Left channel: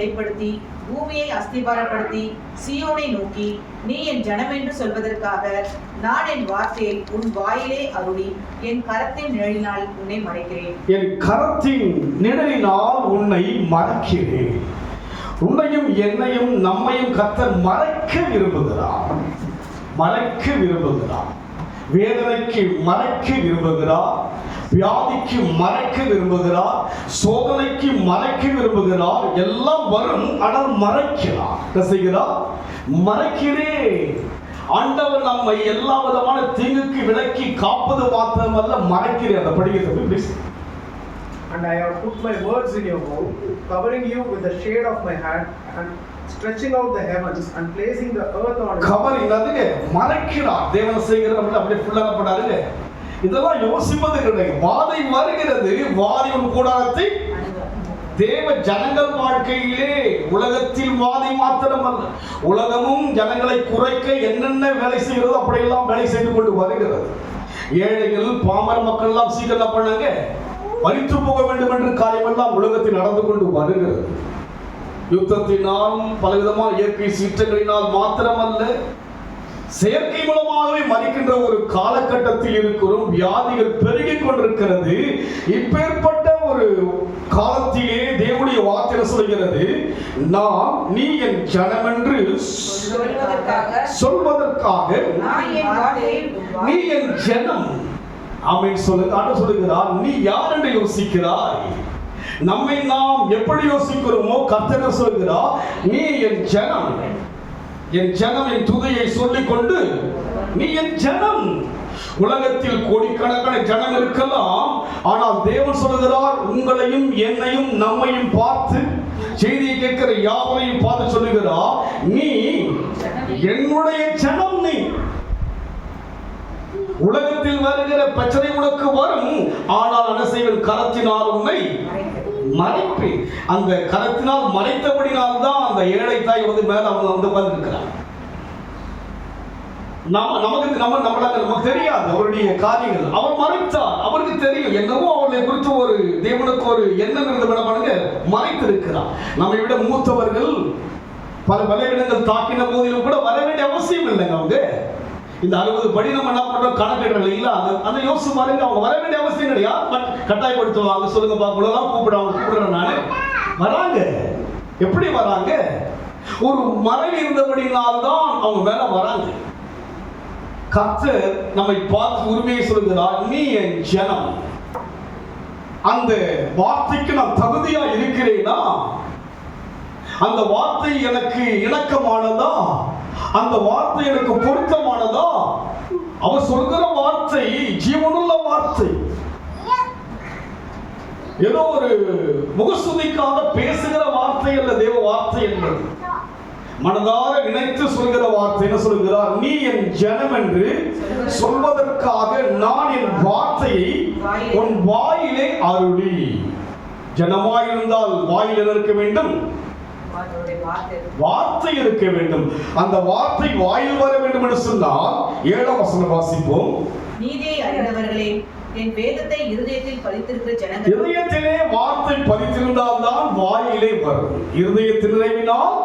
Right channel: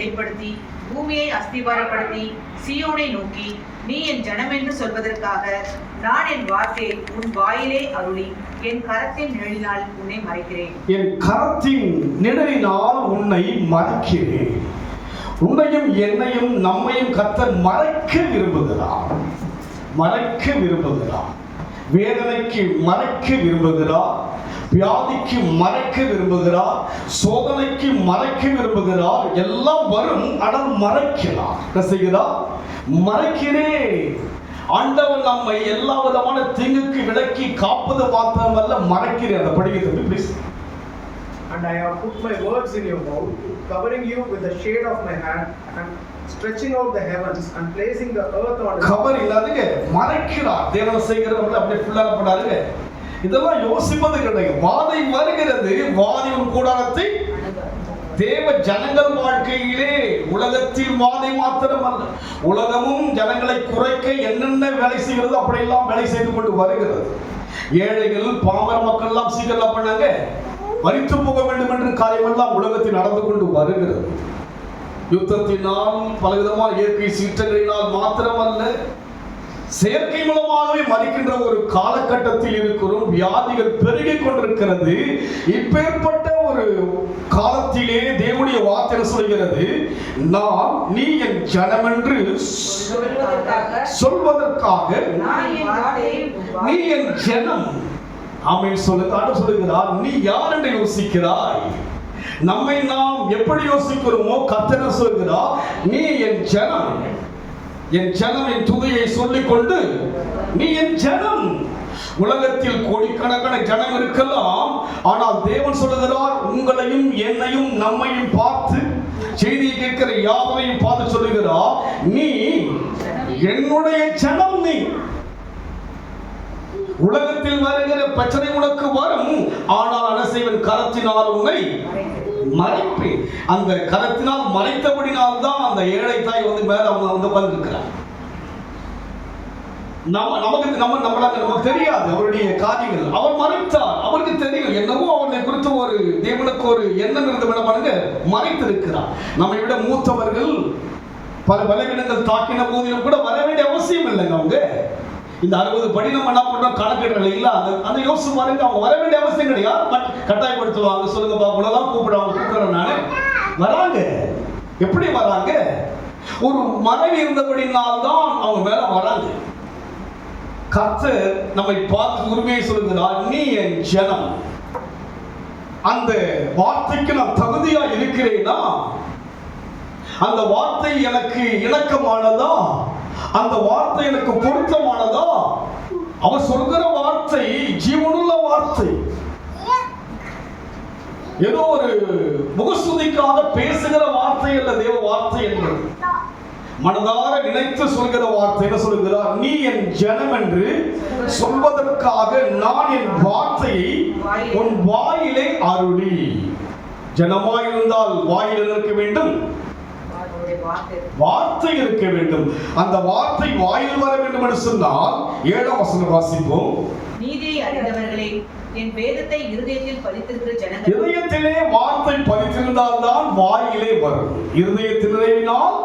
நிலைப்படுத்தி பூமியை அஸ்திபாரப்படுத்தி சீயோனை நோக்கி நீ என் ஜனம் என்று சொல்வதற்காக நான் என் வார்த்தையை உன் வாயிலே அருளி என் கரத்தின் நிழலினால் உன்னை மறைக்கிறேன். என் கரத்தின் நிழலினால் உன்னை மறைக்கிறேன். உன்னையும் என்னையும் நம்மையும் கர்த்தர் மறைக்க விரும்புகிறார். மறைக்க விரும்புகிறார். வேதனைக்கு மறைக்க விரும்புகிறார். வியாதிக்கு மறைக்க விரும்புகிறார். சோதனைக்கு மறைக்க விரும்புகிறார். எல்லாம் வரும், ஆனால் மறைக்கிறார். என்ன செய்கிறார்? மறைக்கிறேன். ஆண்டவர் நம்மை எல்லா விதமான தீங்குக்கு விலக்கி காப்பது மாத்திரமல்ல, மறைக்கிறேன். அதை படிக்கிறது please. And I have put my words in your mouth, covering you with the shade of my hand, and stretching out the heavens and placing the earth on. Cover இல்லாதீங்க, மறைக்கிறார். தேவன் செய்கிறவங்க அப்படியே ஃபுல்லா பண்ணாருங்க. இதெல்லாம் யோசிப்பது கிடையாது. வாதை வருகிறது, வாதியின் கூடாரத்தை தேவ ஜனங்கள் வாழ்க்கையிலே உலகத்தில் வாதை மாத்திரமல்ல, உலகமும் ஜனங்களை குறைக்க என்னென்ன வேலை செய்கிறது அப்படியெல்லாம் வேலை செய்து கொண்டு வருகிறது. ஏழைகள் பாமர மக்கள் எல்லாம் சீக்கிரம் பண்ணாங்க, மரித்து போக வேண்டும் என்று காரியமெல்லாம் உலகத்தில் நடந்து கொண்டு வருகிறது. யுத்தத்தினால் பலவிதமான இயற்கை சீற்றங்களினால் மாத்திரமல்ல, செயற்கை மூலமாகவே மறிக்கின்ற ஒரு காலகட்டத்தில் இருக்கிறோம். வியாதிகள் பெருகிக் கொண்டிருக்கிறது. இப்பேற்பட்ட ஒரு காலத்திலே தேவனுடைய வார்த்தை சொல்கிறது, நான் நீ என் ஜனம் என்று சொல்வதற்காக நீ என் ஜனம். ஆமென் சொல்லுகிறார். நீ யார் என்று யோசிக்கிறாய்? நம்மை நாம் எப்படி யோசிக்கிறோமோ கர்த்தர் சொல்கிறார், நீ என் ஜனம். என் ஜனம் என் துதியை சொல்லிக் கொண்டு நீ என் ஜனம். உலகத்தில் கோடிக்கணக்கான ஜனம் இருக்கலாம், ஆனால் தேவன் சொல்லுகிறார், உங்களையும் என்னையும் நம்மையும் பார்த்து செய்தியை கேட்கிற யாவரையும் பார்த்து சொல்லுகிறார், நீ என்னுடைய ஜனம். நீ உலகத்தில் வருகிற பிரச்சனை உனக்கு வரும், ஆனால் அனசைவன் கரத்தினால் உன்னை மறைப்பேன். அந்த கரத்தினால் மறைத்தபடினால் தான் அந்த ஏழை தாய் வந்து மேல அவங்க வந்து உட்கார்ந்திருக்கிறார். நமக்கு தெரியாது அவருடைய காரியங்கள். அவர் மறைத்தார். அவருக்கு தெரியும் என்னவோ அவர்களை குறித்து ஒரு தேவனுக்கு ஒரு எண்ணம் இருந்த பண்ணுங்க மறைத்திருக்கிறார். நம்மை விட மூத்தவர்கள் பல பலவீனங்கள் தாக்கின போதிலும் கூட வர வேண்டிய அவசியம் இல்லைங்க. அவங்க இந்த 60 படி நம்ம என்ன பண்றோம் கணக்கெடுகள் இல்ல, அந்த யோசிச்சு பாருங்க. அவங்க வர வேண்டிய அவசியம் கிடையாது. கட்டாயப்படுத்துவாங்க. சொல்லுங்க பாப்பெல்லாம் கூப்பிடுறேன் நானு வராங்க. எப்படி வராங்க? ஒரு மறைவு இருந்தபடினால்தான் அவங்க மேல வராங்க. கர்த்தர் நம்மை பார்த்து உரிமையை சொல்லுகிறார், நீ என் ஜனம். அந்த வார்த்தைக்கு நான் தகுதியா இருக்கிறேனா? அந்த வார்த்தை எனக்கு இணக்கமானதா? அந்த வார்த்தை எனக்கு பொருத்தமானதா? அவர் சொல்கிற வார்த்தை ஜீவனுள்ள வார்த்தை. ஏதோ ஒரு முகஸ்துதிக்காக பேசுகிற வார்த்தை அல்ல தேவ வார்த்தை என்பது. மனதார நினைத்து சொல்கிற வார்த்தை. என்ன சொல்கிறார்? நீ என் ஜனம் என்று சொல்வதற்காக நான் என் வார்த்தையை உன் வாயிலே அருளி. ஜனமாய் இருந்தால் வாயில் இருக்க வேண்டும், வார்த்தை இருக்க வேண்டும். அந்த வார்த்தை வாயில் வர வேண்டும் என்று சொன்னால் 7ஆம் வசனம் வாசிப்போம். நீதியை அறிந்தவர்களே, என் வேதத்தை இருதயத்தில் பதித்திருக்கிற ஜனங்கள். இருதயத்திலே வார்த்தை பதித்திருந்தால் தான் வாயிலே வரும். இருதயத்தின் நிறைவினால்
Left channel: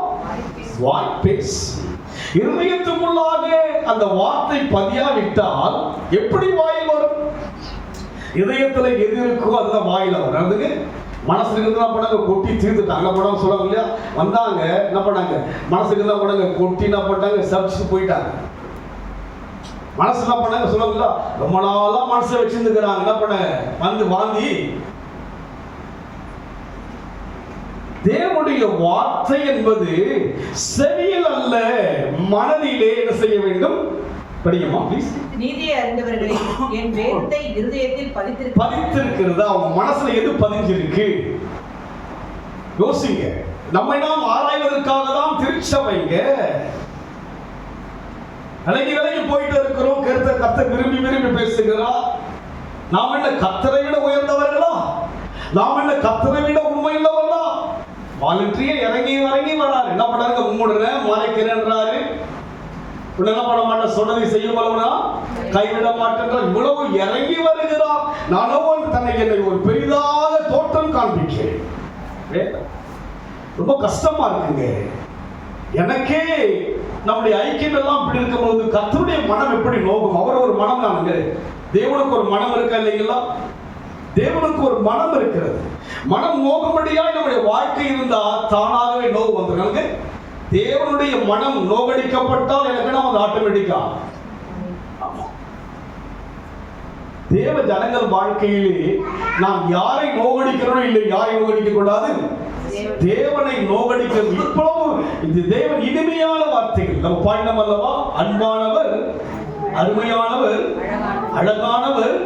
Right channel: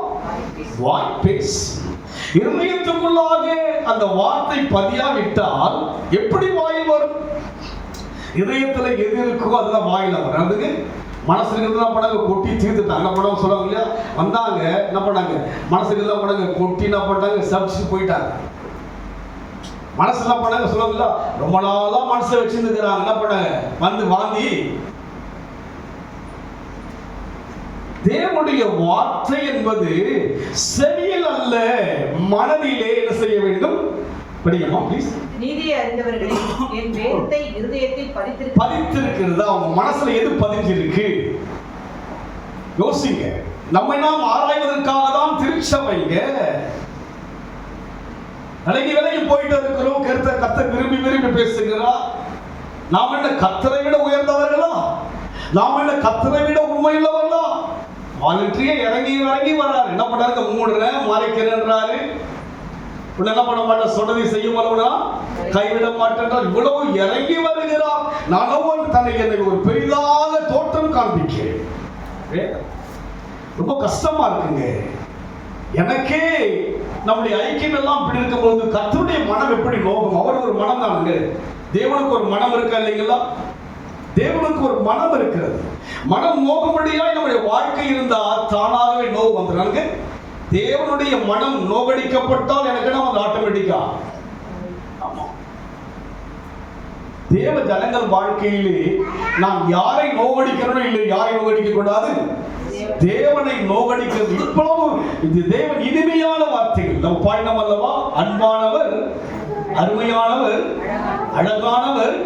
வாய் பேசும். இருதயத்துக்குள்ளாக அந்த வார்த்தை பதியாவிட்டால் எப்படி வாயில் வரும்? இதயத்துல எது இருக்கோ அதுதான் வாயில வரும். அதுக்கு மனசுல இருந்தா படங்க கொட்டி தீர்த்துட்டாங்க படம் சொல்லுவாங்க இல்லையா? வந்தாங்க என்ன பண்ணாங்க? மனசுல இருந்தா படங்க கொட்டி என்ன பண்ணாங்க? சப்ஸ்ட் போயிட்டாங்க. மனசு என்ன பண்ணாங்க சொல்லுவாங்களா? ரொம்ப நாளா மனசை வச்சிருந்துக்கிறாங்க. என்ன பண்ணாங்க? வந்து வாந்தி. தேவனுடைய வார்த்தை என்பது செவியில் அல்ல, மனதிலே என்ன செய்ய வேண்டும்? படிக்கமா ப்ளீஸ். நீதியை அறிந்தவர்களே, என் வேதத்தை இருதயத்தில் பதித்திருக்கிறது. அவங்க மனசுல எது பதிஞ்சிருக்கு? யோசிங்க. நம்ம நாம் ஆராய்வதற்காக தான் திருச்சபைங்க. விலகி போயிட்டு இருக்கிறோம். கர்த்தர் விரும்பி பேசுகிறார். நாம் என்ன கர்த்தரை விட உயர்ந்தவர்களா? நாம் என்ன கர்த்தரை விட உண்மையுள்ளவர்களா? வாலண்டரியா இறங்கி வராரு. என்ன பண்றாங்க? மூடுறேன் மறைக்கிறேன்றாரு. என்ன பண்ண மாட்டேன், சொன்னதை செய்யுமா கைவிட மாட்டேன்றார். இவ்வளவு இறங்கி வருகிறார். நானும் தன்னை என்னை ஒரு பெரிதாக தோற்றம் காண்பிக்கிறேன். ரொம்ப கஷ்டமா இருக்குங்க. எனக்கே நம்முடைய ஐக்கியம் எல்லாம் இப்படி இருக்கும்போது கர்த்தருடைய மனம் எப்படி நோகும்? அவர் ஒரு மனம் தானுங்க. தேவனுக்கு ஒரு மனம் இருக்கா இல்லைங்களா? தேவனுக்கு ஒரு மனம் இருக்கிறது. மனம் நோகும்படியாய் நம்முடைய வாழ்க்கை இருந்தா தானாகவே நோவு வந்துடுறாங்க. தேவனுடைய மனம் நோகடிக்கப்பட்டால் எனக்கு நம்ம ஆட்டோமேட்டிக்கா. ஆமா, தேவ ஜனங்கள் வாழ்க்கையிலே நாம் யாரை நோகடிக்கிறோம் இல்லை, யாரை நோகடிக்க கூடாது, தேவனை நோகடிக்கிறது. இவ்வளவு இது தேவன் இனிமையான வார்த்தைகள் நம்ம பாடினோம் அல்லவா? அன்பானவர், அருமையானவர், அழகானவர்,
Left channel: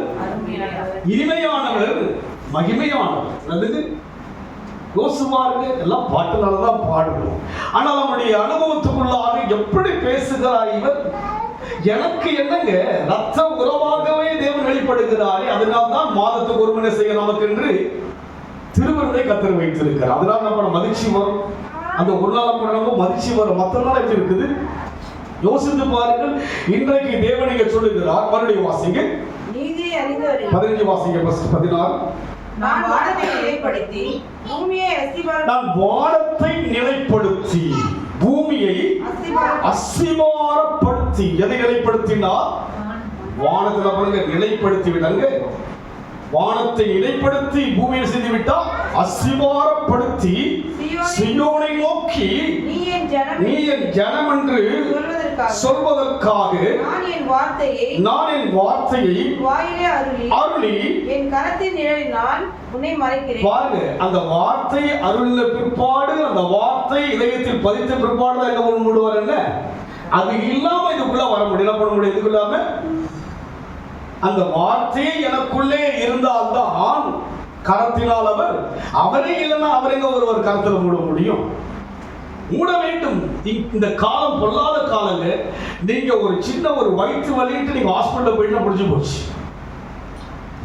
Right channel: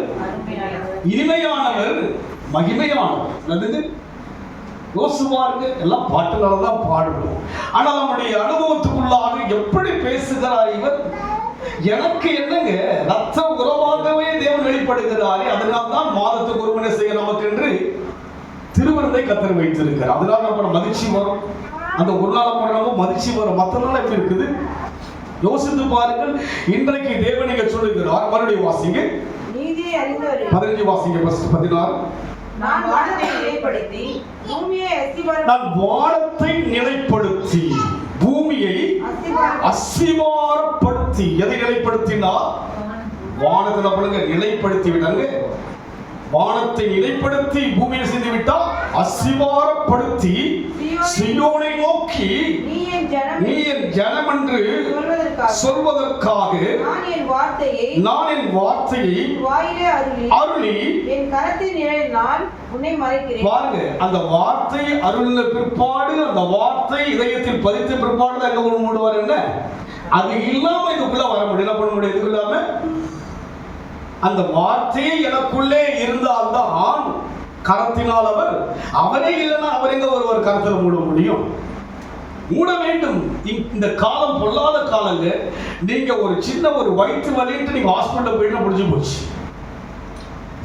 இனிமையானவர், மகிமையானவர். யோசுவாருக்கு எல்லாம் பாட்டுகளால் தான் பாடுவோம். ஆனால் நம்முடைய அனுபவத்துக்குள்ளாக எப்படி பேசுகிறார் இவர்? எனக்கு என்னங்க, ரத்த உறவாகவே தேவன் வெளிப்படுகிறாரே, அதனால் தான் மாதத்துக்கு ஒரு மணி செய்ய நமக்கு என்று திருவிருந்தை கத்தர் வைத்திருக்கிறார். அதனால நம்ம மகிழ்ச்சி வரும். அந்த ஒரு நாள் நம்ம மகிழ்ச்சி வரும். மற்ற நாள் எப்படி இருக்குது யோசித்து பாருங்கள். இன்றைக்கு தேவன் இங்க சொல்லுகிறார். மறுபடியும் வாசிங்க, 15 வாசிங்க, 16. நான் வானத்தை நிலைப்படுத்தி பூமியை அஸ்திவாரப்படுத்தி, எதை நிலைப்படுத்தினா? வானத்துல நிலைப்படுத்தி விடாங்க. வானத்தை நிலைப்படுத்தி பூமியை செய்து விட்டால் அஸ்திவாரப்படுத்தி சீயோனை நோக்கி நீ என் ஜனம் என்று சொல்வதற்காக நான் என் வார்த்தையை அருளி என் கரத்தின் நிழலினால் உன்னை மறைக்கிறேன். பாருங்க, அந்த வார்த்தை அருளின பிற்பாடு, அந்த வார்த்தை இதயத்தில் பதித்த பிற்பாடு எங்க மூடுவார் என்ன? அது இல்லாம இதுக்குள்ள வர முடியும். என்ன பண்ண முடியும்? இதுக்கு இல்லாம அந்த வார்த்தையை எனக்குள்ளே இருந்தால்தான் கரத்தினால் அவரே இல்லைன்னா அவர் எங்க ஒருவர் கரத்தில் மூட முடியும்? மூட வேண்டும். இந்த காலம் பொல்லாத காலங்க. நீங்க ஒரு சின்ன ஒரு வயிற்று வலிட்டு நீங்க ஹாஸ்பிட்டல் போயிட்டு முடிஞ்சு போச்சு.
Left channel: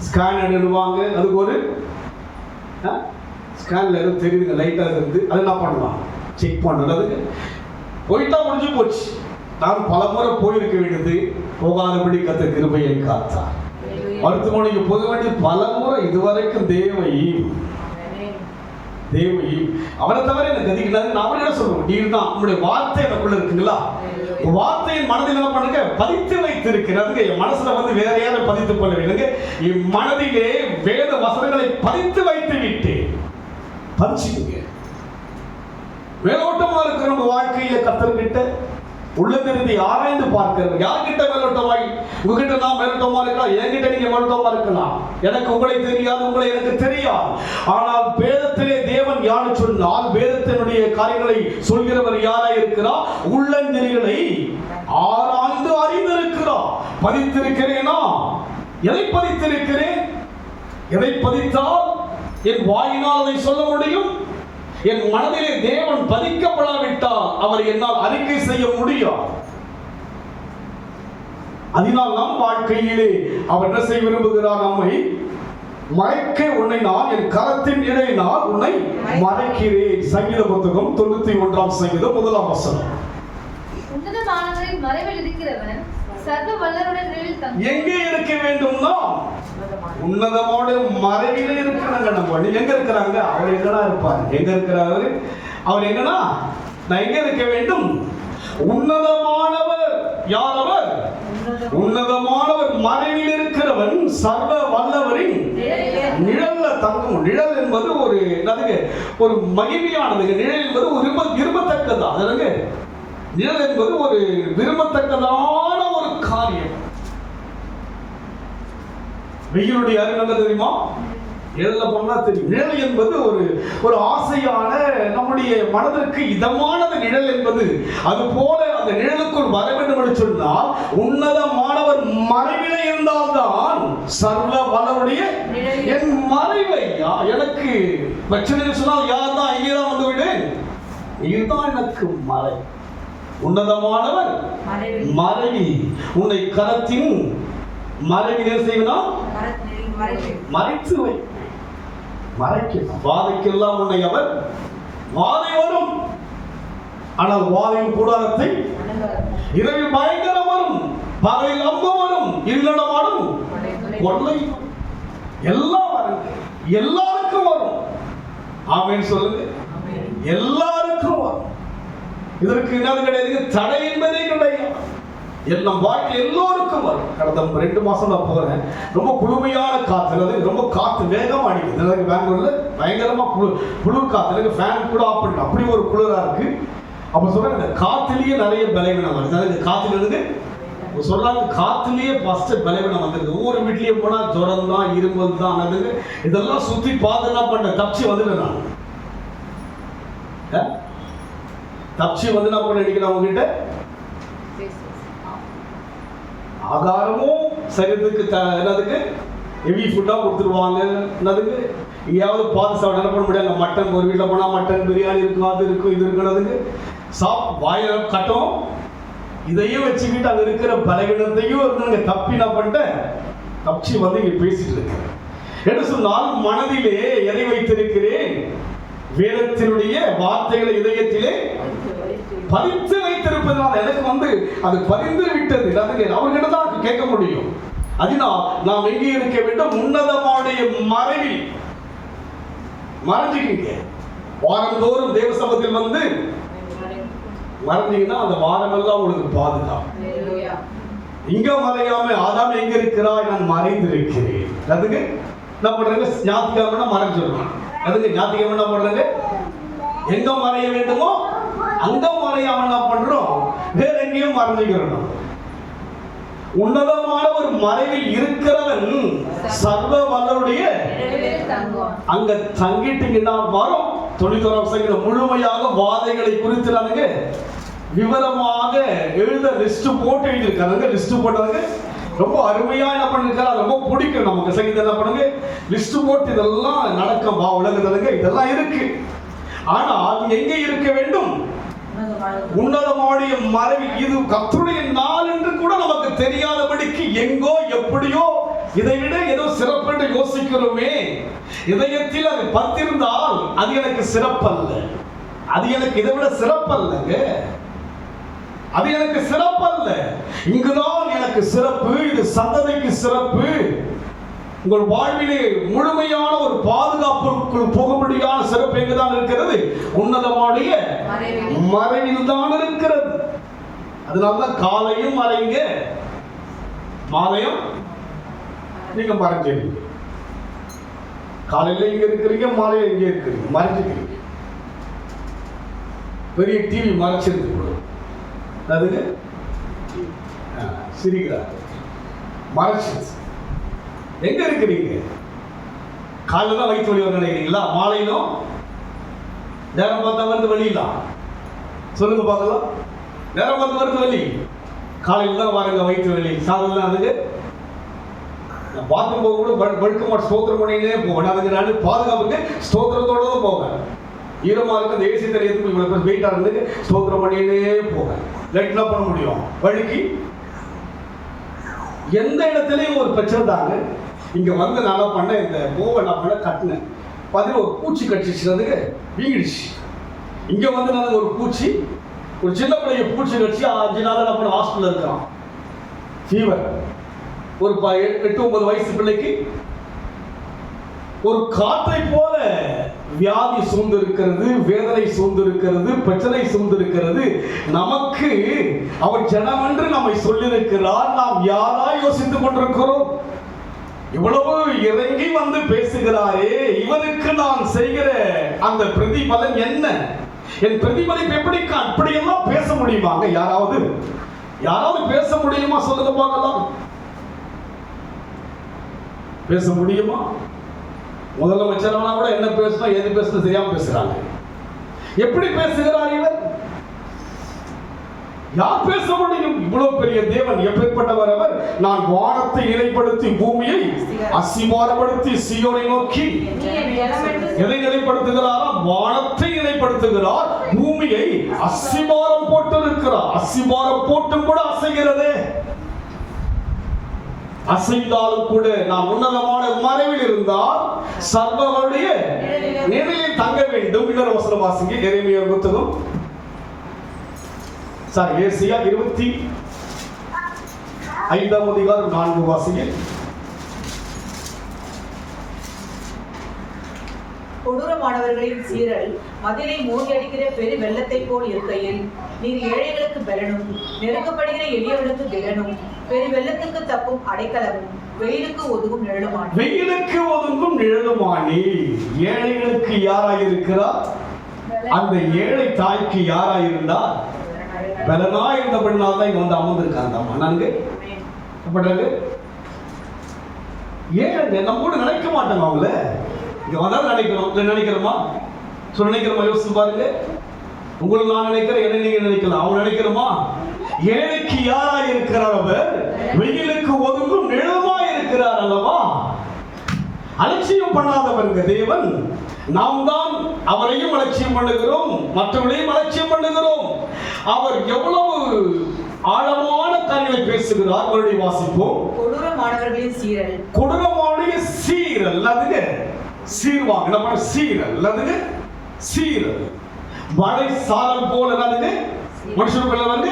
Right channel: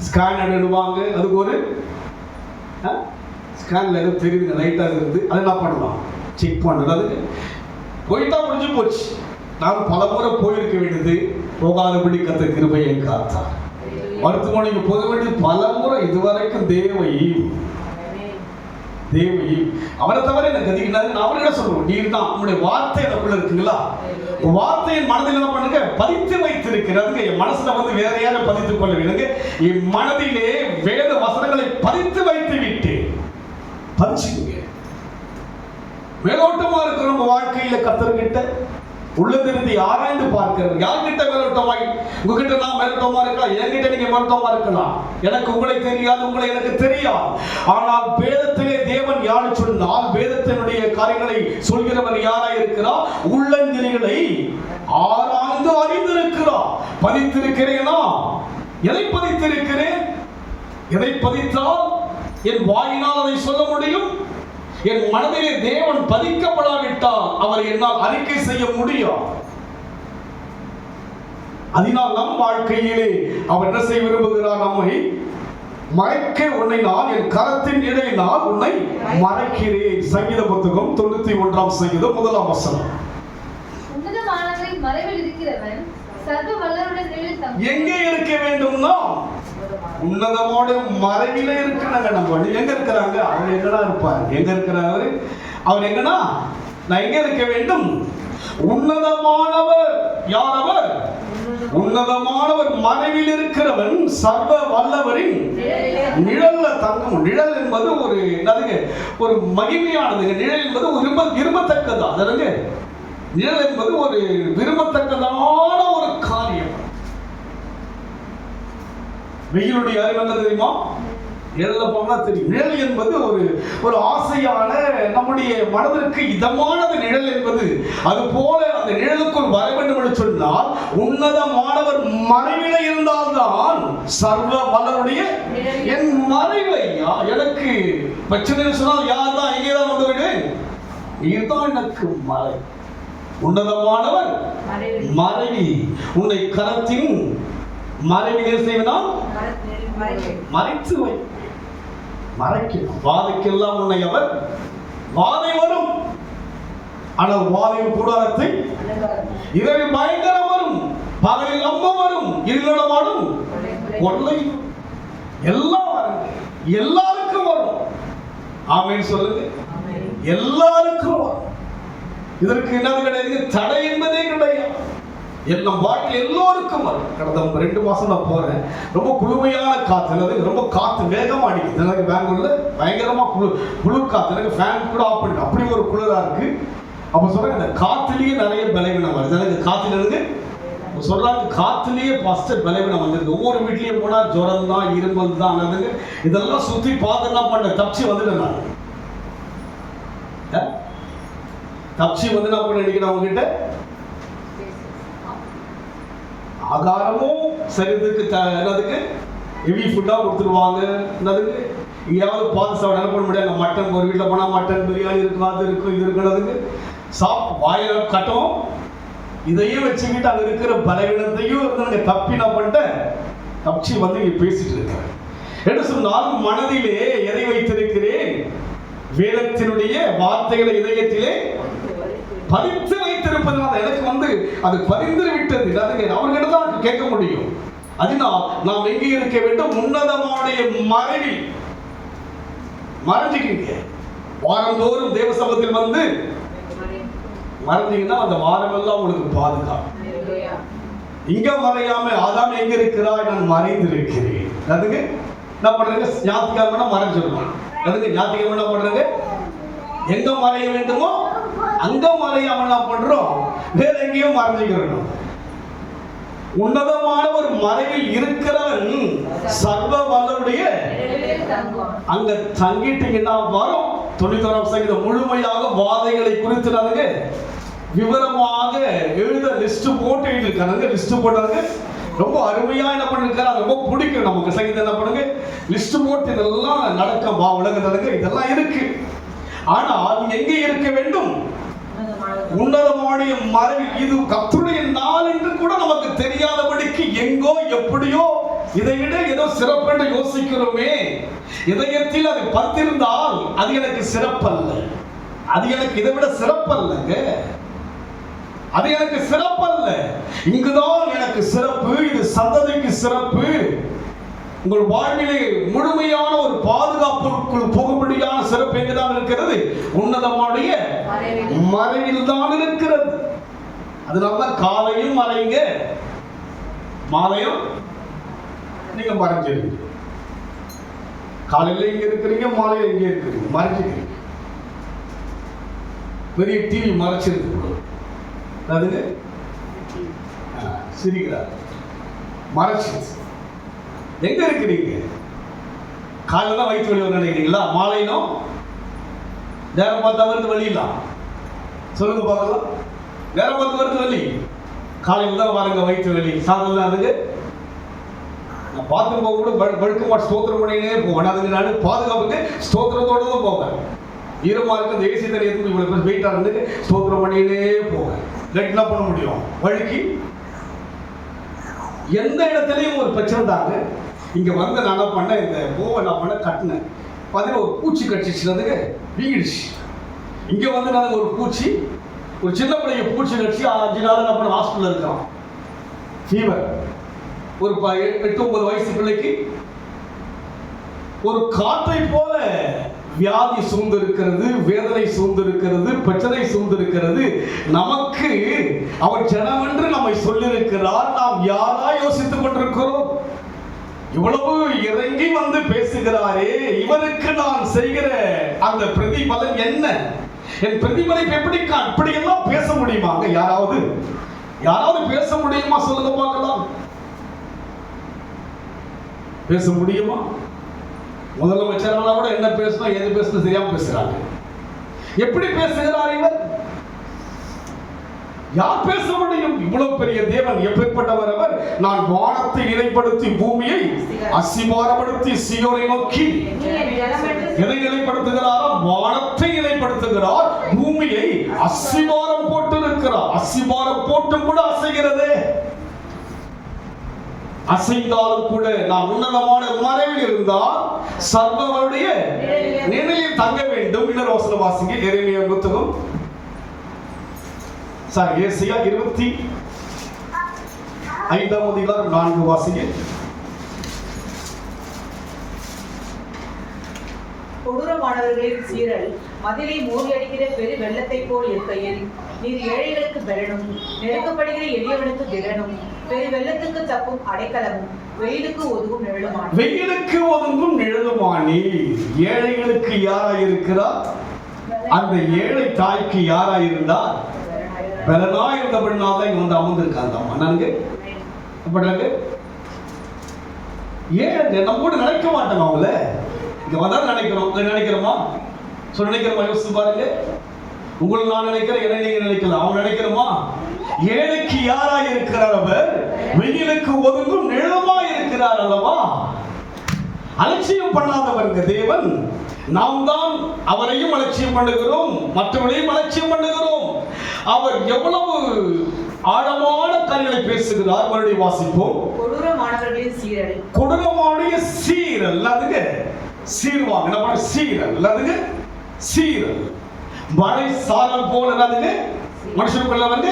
ஸ்கேன் எடுவாங்க, அதுக்கு ஒரு ஸ்கேன்ல எதுவும் தெரியுங்க, லைட்டா இருந்து அது என்ன பண்ணலாம், செக் பண்ணுறது. அதுக்கு போயிட்டா முடிஞ்சு போச்சு. நான் பல முறை போயிருக்க வேண்டியது, போகாதபடி கத்த கிருபையை காத்தார். மருத்துவமனைக்கு போக வேண்டியது பல முறை. இதுவரைக்கும் தேவையும் அவரை தவிர எனக்கு அதிகம். நான் அவரே சொல்லுவோம், நீர் தான் உங்களுடைய வார்த்தை எனக்குள்ள இருக்குங்களா? வார்த்தையின் மனதில் என்ன பண்ணுங்க, பதித்து வைத்திருக்கிறது. என் மனசுல வேற யாரும் பதித்துக் கொள்ள வேண்டுங்க. என் மனதிலே வேத வசனங்களை பதித்து வைத்து விட்டேன். பதிச்சுங்க. மேலோட்டமா இருக்கிற உங்க வாழ்க்கையில கர்த்தர்கிட்ட உள்ளதிருந்து ஆராய்ந்து பார்க்கிறது. யார்கிட்ட மேலோட்டமாய்? உங்ககிட்ட நான் மேலோட்டமா இருக்கலாம், என்கிட்ட நீங்க மேலோட்டமா இருக்கலாம். எனக்கு உங்களை தெரியாது, உங்களை எனக்கு தெரியாது. ஆனால் வேதத்திலே தேவன் யாரு சொன்னால், வேதத்தினுடைய காரியங்களை சொல்கிறவர் யாராய் இருக்கிறார்? உள்ளஞ்செறிகளை ஆராய்ந்து அறிந்திருக்கிறார். பதித்திருக்கிறேனா? எதை பதித்திருக்கிறேன்? எதை பதித்தால் என் வாயினால் அதை சொல்ல முடியும்? என் மனதிலே தேவன் பதிக்கப்படாவிட்டால் அவர் என்னால் அறிக்கை செய்ய முடியும். அதனால் நம் வாழ்க்கையிலே அவர் என்ன செய்ய விரும்புகிறார்? நம்மை மறைக்க உன்னை நான் என் கரத்தின் இடையினால் உன்னை மறைக்கிறேன். சங்கீத புத்தகம் 91 சங்கீதம் 1 வசனம். உன்னதமானவரின் மறைவில் இருக்கிறவன் சர்வ வல்லவருடைய நிழலில் தங்குவான். எங்கே இருக்க வேண்டும்னா உன்னதமோட மறைவிலே இருக்கிறாங்க. நம்ம எங்க இருக்கிறாங்க? அவர் எங்கடா இருப்பார்? எங்க இருக்கிறாரு அவர்? எங்கனா நான் எங்க இருக்க வேண்டும்? உன்னதமானவர் யார்? அவர் உன்னதமானவர் மறைவில் இருக்கிறவன் சர்வ வல்லவரின் நிழல்ல தங்கும். நிழல் என்பது ஒரு மகிமையானது. நிழல் என்பது ஒரு விரும்பத்தக்கதா? அதனால நிழல் என்பது ஒரு விரும்பத்தக்கதான ஒரு காரியம். வெயிலுடைய அறிவு என்ன தெரியுமா? நிழல்ல போனா தெரியும். நிழல் என்பது ஒரு ஆசையான, நம்முடைய மனதிற்கு இதமானது நிழல் என்பது. அது போல அந்த நிழலுக்குள் வர வேண்டும் என்று சொன்னால் உன்னதமானவர் மறைவிலே இருந்தால்தான் சர்வ வல்லவருடைய என் மறைவை எனக்கு பிரச்சனை சொன்னால் யார் தான் இங்கே தான் வந்து விடு, இதுதான் எனக்கு மறை. உன்னதமானவர் மறைவி உன்னை கரத்தின் மறைவில் செய்வதால் மறைத்து வை. மறைக்கணும். வாதைக்கெல்லாம் உன்னை அவர் வாதை வரும். ஆனால் வாதையின் கூடாரத்தை இரவில் பயங்கரம் வரும், பகலில் அம்பு வரும், இருளடமாடும் கொள்ளை எல்லாம் வரும். எல்லாருக்கும் வரும். ஆமென் சொல்லுங்க. எல்லாருக்கும் வரும். இதற்கு என்ன கிடையாது, தடை என்பதே கிடையாது. எல்லாம் வாழ்க்கை எல்லோருக்கும் வரும். கடந்த 2 மாசம் நான் போறேன், ரொம்ப குளுமையான காத்து, ரொம்ப காத்து வேகமா அடிக்குது. எனக்கு பெங்களூர்ல பயங்கரமா குளிர் காத்து, எனக்கு ஃபேன் கூட ஆஃப் பண்ணி அப்படி ஒரு குளிரா இருக்கு. அப்ப சொல்றாங்க இந்த காத்துலயே நிறைய பலவீனம் வருது. எனக்கு காத்துல இருக்கு சொல்றாங்க, காத்துலயே ஃபர்ஸ்ட் பலவீனம் வந்திருக்கு. ஒவ்வொரு வீட்லயும் போனா ஜுரம் தான், இருமல் தான். அதுக்கு இதெல்லாம் சுத்தி பார்த்து என்ன பண்ண தப்பிச்சு வந்துட்டேன் நான். தப்பிச்சு வந்து என்ன பண்ண நினைக்கிறேன் அவங்க கிட்ட ஆகாரமும் சரீரத்துக்கு என்னதுக்கு ஹெவி ஃபுட்டாக கொடுத்துருவாங்க. என்னதுக்கு எங்கேயாவது பார்த்து சாப்பிட என்ன பண்ண முடியாது. மட்டன் ஒரு வீட்டில் போனால் மட்டன் பிரியாணி இருக்கும், அது இருக்கும், இது இருக்கிறதுக்கு வாயில கட்டும். இதையும் வச்சுக்கிட்டு அங்கே இருக்கிற பலவீனத்தையும் இருந்து தப்பி நான் பண்ணிட்டேன், தப்பிச்சு வந்து இங்கே பேசிட்டு இருக்கிறேன். என்ன சொன்னால் மனதிலே எதை வைத்திருக்கிறேன், வேதத்தினுடைய வார்த்தைகளை இதயத்திலே பதித்து வைத்திருப்பதனால் எனக்கு வந்து அது பதிந்து விட்டது. அவர்கிட்ட தான் கேட்க முடியும். அதனால் நாம் எங்கே இருக்க வேண்டும், உன்னதமான மறைவில் மறைஞ்சிக்கிங்க. வாரந்தோறும் தேவ சபத்தில் வந்து மறைஞ்சீங்கன்னா அந்த வாரமெல்லாம் உங்களுக்கு பாதுகாப்பு. இங்க மறையாம ஆதாம் எங்க இருக்கிறாய், நான் மறைந்திருக்கிறேன். அதுக்கு என்ன பண்றாங்க, ஞாயிற்றுக்கிழமை மறைஞ்சிடணும். அதுக்கு ஞாயிற்றுக்கிழமை என்ன பண்றாங்க, எங்க மறைய வேண்டுமோ அங்க மறையாம என்ன பண்றோம், வேற எங்கேயும் மறைஞ்சுக்கிறோம். உன்னதமான ஒரு மறைவில் இருக்கிறவன் சர்வ வல்லவருடைய அங்க தங்கிட்டீங்கன்னா வரும். 91 முழுமையாக வாதைகளை குறித்து விவரமாக எழுத லிஸ்ட் போட்டு எழுதியிருக்காங்க. லிஸ்ட் போட்டாங்க, ரொம்ப அருமையா என்ன பண்ணிருக்காரு, ரொம்ப பிடிக்கும் நமக்கு. சங்கீதம் என்ன பண்ணுங்க, லிஸ்ட் போட்டு இதெல்லாம் நடக்க உலகத்துல இதெல்லாம் இருக்கு. ஆனா அது எங்கே இருக்க வேண்டும், உன்னதமான மறைவில். இது கர்த்தருடைய நாள் என்று கூட நமக்கு தெரியாதபடிக்கு எங்கோ எப்படியோ இதை விட ஏதோ சிறப்பு யோசிக்கிறோமே. இதயத்தில் அது பத்திருந்தால் அது எனக்கு சிறப்பல்ல, அது எனக்கு இதை விட சிறப்பல்லங்க, அது எனக்கு சிறப்பல்ல. இங்குதான் எனக்கு சிறப்பு, இது சந்ததிக்கு சிறப்பு. உங்கள் வாழ்விலே முழுமையான ஒரு பாதுகாப்புக்குள் போகும்படியான சிறப்பு எங்குதான் இருக்கிறது, உன்னதமான மறைவில் தான் இருக்கிறது. அதனாலதான் காலையும் மறைங்க, மாலையும் நீங்க மறைஞ்சிருக்கீங்க. காலையில இங்க இருக்கிறீங்க, மாலையில இங்க இருக்கிறீங்க, மறைஞ்சிக்கிறீங்க. பெரிய டிவி மறைச்சிருக்கு, அதுங்க சிரிக்கிறார், மறைச்சு எங்க இருக்கிறீங்க. காலையில தான் வயிற்று வலி வர நினைக்கிறீங்களா, மாலையிலும் நேரம் பார்த்தா வருது வலியிலாம், சொல்லுங்க பார்க்கலாம். நேரம் பார்த்து வருது வலி, காலையில் தான் வாருங்க வயிற்று வலி. சாதம் அதுக்கு நான் பாத்ரூம் போக கூட படுக்க மாட்டேன், ஸ்தோத்திரம் பண்ணினே போவேன். அதுக்கு நான் பாதுகாப்புக்கு ஸ்தோத்திரத்தோட தான் போவேன். ஈரமா இருக்கு, அந்த ஏசி தரையத்துக்கு இவ்வளவு வெயிட்டா இருந்து ஸ்தோத்திரம் பண்ணினே போவேன். லைட் என்ன பண்ண முடியும், வழுக்கி எந்த இடத்துலையும் ஒரு பிரச்சனை தாங்க. இங்க வந்து நல்லா பண்ண, இந்த கோவை நான் பண்ண கட்டினேன், பார்த்தீங்கன்னா ஒரு பூச்சி கடிச்சிச்சுறதுக்கு வீங்கிடுச்சு. இங்க வந்து நான் ஒரு பூச்சி, ஒரு சின்ன பிள்ளைய பூச்சி கடிச்சு 5 நாள் நம்ம ஹாஸ்பிட்டல் இருக்கான், ஃபீவர். ஒரு 8-9 வயசு பிள்ளைக்கு ஒரு காற்றை போல வியாதி சூழ்ந்து இருக்கிறது, வேதனை சூழ்ந்து இருக்கிறது, பிரச்சனை சூழ்ந்து இருக்கிறது. நமக்கு அவர் ஜனம் என்று நம்மை சொல்லியிருக்கிறார். நாம் யாரா யோசித்துக் கொண்டிருக்கிறோம், இவ்வளவு இறங்கி வந்து பேசுகிறாரே, இவருக்கு நான் செய்கிற அந்த பிரதிபலன் என்ன, என் பிரதிபலிப்பு எப்படி, அப்படியெல்லாம் பேச முடியுமாங்க? யாராவது பேச முடியுமா? சொல்லுங்க பார்க்கலாம். பேச முடியுமா? முதலமைச்சரான கூட என்ன பேசணும் எது பேசணும் தெரியாம பேசுறாங்க. எப்படி பேசுகிறார் இவர்? யார் பேச முடியும்? இவ்வளவு பெரிய தேவன் எப்பேற்பட்டவர் அவர். நான் வானத்தை இணைப்படுத்தி பூமியை அசிமாரப்படுத்தி சீயோனை நோக்கி எதை நிலைப்படுத்துகிறாராம்? வானத்தை நிலைப்படுத்துகிறார், பூமியை அசிமாரம் போட்டு இருக்கிறார். அசிமாரம் போட்டும் கூட அசைகிறது. அசைந்தாலும் கூட நாம் உன்னதமான மறைவில் இருந்தால் சர்வருடைய நிழலில் தங்க வேண்டும். இன்னொரு வசனம் வாசிங்க, எரேமியா புத்தகம் ஏசாயா 25:4 வாசிங்க. கொடூரமானவர்களின் சீரல் மதிலை மோதியடிக்கிற பெரு வெள்ளத்தைப் போல் இருக்கையில் நீர் ஏழைகளுக்கு பலனும் நெருக்கப்படுகிற எளியவனுக்கு திடனும் பெரு வெள்ளத்துக்கு தப்பும் அடைக்கலமும் வெயிலுக்கு ஒதுங்கும் நிழலுமானி. வெயிலுக்கு ஒதுங்கும் நிழலுமானி. ஏழைகளுக்கு யாராயிருக்கிறார்? அந்த ஏழை தாய்க்கு யாராயிருந்தார்? பலனா இருந்தபடினால தான் இங்க வந்து அமர்ந்திருக்காங்க. அம்மா நான்கு ஏன் நம்ம கூட நினைக்க மாட்டோம். அவங்கள இங்க வந்தா நினைக்கிறோமா? சொல்ல நினைக்கிறோமா? யோசிச்சு பாருங்க. உங்களுக்கு நான் நினைக்கிறேன், என்ன நீங்க நினைக்கலாம். அவங்க நினைக்கிறோமா? ஏழைக்கு யாரா இருக்கிறார்? அவர் வெயிலுக்கு ஒதுங்கும் நிழலுமா இருக்கிறார் அல்லவா? அலட்சியம் பண்ணாதவங்க தேவன். நாம் தான் அவரையும் அலட்சியம் பண்ணுகிறோம், மற்றவர்களையும் அலட்சியம் பண்ணுகிறோம். அவர் எவ்வளவு ஆழமான காரியங்களை பேசுகிறார். மறுபடியும் வாசிப்போம். கொடூரமானவர்களின் சீரல். கொடூரமான சீரல். அதுங்க சீர்வாங்க. நம்ம சீரல். அதுங்க சீரல். மழை சாரல் போல அதுங்க மனுஷனுக்குள்ள வந்து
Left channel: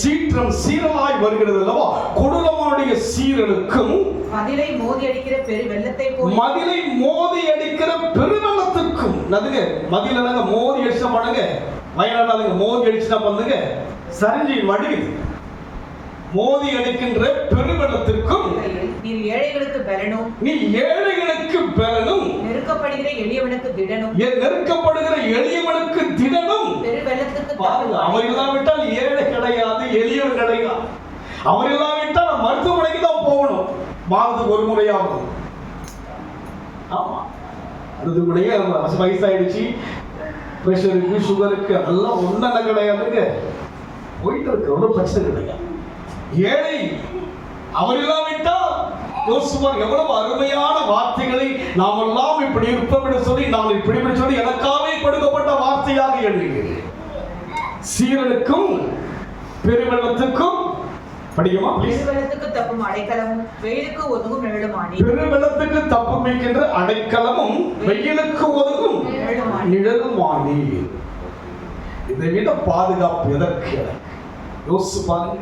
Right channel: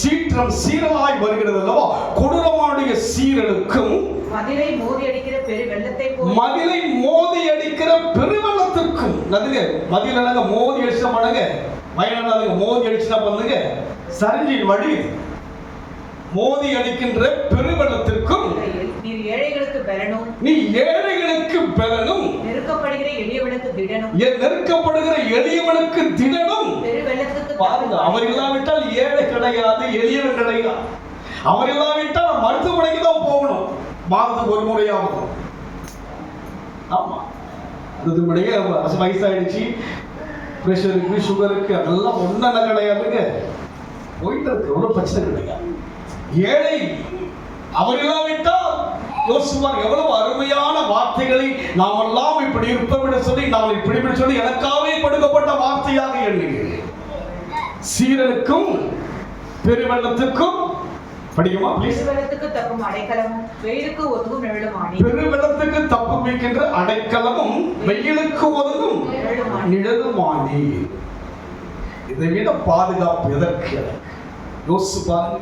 சீற்றம் சீரலாய் வருகிறது அல்லவா? கொடூரமான சீரலுக்கும் மதிலை மோதி அடிக்கிற பெரு வெள்ளத்தை போல் மதிலை மோதி அடிக்கிற பெருவெள்ளத்துக்கும். அதுங்க மதில் என்னங்க மோதி அடிச்சா பண்ணுங்க. வயநாடு மோதி அடிச்சுனா பண்ணுங்க சரிஞ்சி வடி. மோதி அடிக்கின்ற பெருவெள்ளத்திற்கும் நீர் ஏழைகளுக்கு பலனும் நீ ஏழைகளுக்கு பலனும் நெருக்கப்படுகிற எளியவனுக்கு திடனும் நெருக்கப்படுகிற எளியவனுக்கு திடனும். பெரு வெள்ளத்துக்கு பாருங்க, அவர் இல்லாவிட்டால் ஏழை கிடையாது, எளியவன் கிடையாது. அவர் இல்லாவிட்டால் மருத்துவமனைக்கு தான் போகணும், மாதத்துக்கு ஒரு முறையாவது. ஆமா, அது முறையே வயசாயிடுச்சு, பிரஷருக்கு சுகருக்கு அதெல்லாம் ஒன்றும் கிடையாதுங்க. போயிட்டு இருக்கு, ஒன்றும் பிரச்சனை கிடையாது. ஏழை அவர் இல்லாவிட்டால் யோசிப்பார் எவ்வளவு அருமையான வார்த்தைகளை நாமெல்லாம் இப்படி இருப்போம் என்று சொல்லி நாம் இப்படி சொல்லி எனக்காகவே கொடுக்கப்பட்ட வார்த்தையாக எண்ணுகிறேன். சீரலுக்கும் பெருவெள்ளத்துக்கும் படிக்குமா ப்ளீஸ். பெருவெள்ளத்துக்கு தப்பும் அடைக்கலமும் வெயிலுக்கு ஒதுங்கும் நிழலுமானி. பெருவெள்ளத்துக்கு தப்பும் வைக்கின்ற அடைக்கலமும் வெயிலுக்கு ஒதுங்கும் நிழலுமானி. இதை விட பாதுகாப்பு எதற்கு? யோசிச்சு பாருங்க,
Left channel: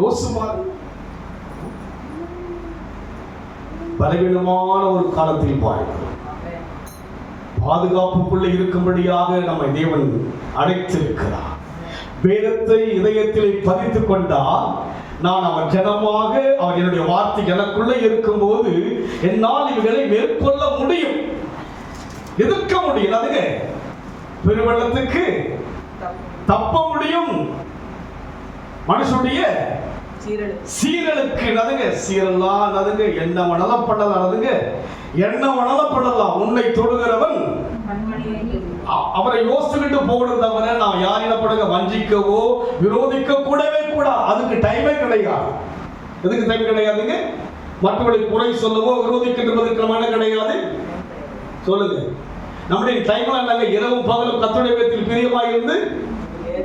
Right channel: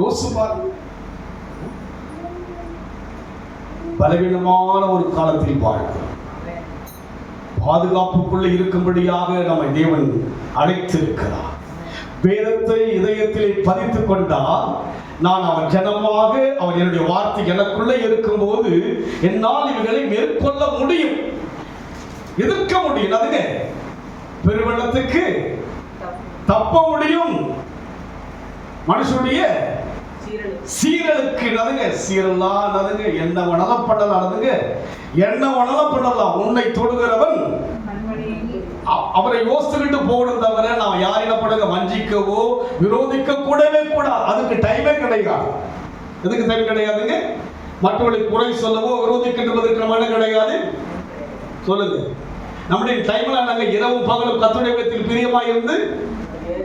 யோசிச்சு பாருங்க. பலவீனமான ஒரு காலத்தில் வாழ்கிறோம். பாதுகாப்புக்குள்ள இருக்கும்படியாக நம்மை தேவன் அழைத்திருக்கிறார். வேதத்தை இதயத்தில் பதித்துக் கொண்டால் நான் அவர் ஜனமாக, அவர் என்னுடைய வார்த்தை எனக்குள்ள இருக்கும் போது என்னால் இவர்களை மேற்கொள்ள முடியும், எதிர்க்க முடியும். அதுங்க பெருவெள்ளத்துக்கு தப்ப முடியும். மனுஷனுடைய சீரலுக்கு நதுங்க சீரல்லாம் நதுங்க என்ன மனதம் பண்ணலாம் நதுங்க என்ன மனதம் பண்ணலாம். உன்னை தொடுகிறவன் அவரை யோசிச்சுட்டு போகணும் தவிர நான் யாரிடப்படுங்க வஞ்சிக்கவோ விரோதிக்க கூடவே கூடாது. அதுக்கு டைமே கிடையாது. எதுக்கு டைம் கிடையாதுங்க? மற்றவர்களுக்கு குறை சொல்லவோ விரோதிக்கின்றதற்கு மன கிடையாது. சொல்லுங்க, நம்முடைய டைம்ல நாங்க இரவும் பகலும் கர்த்தருடைய வேதத்தில் பிரியமாய் இருந்து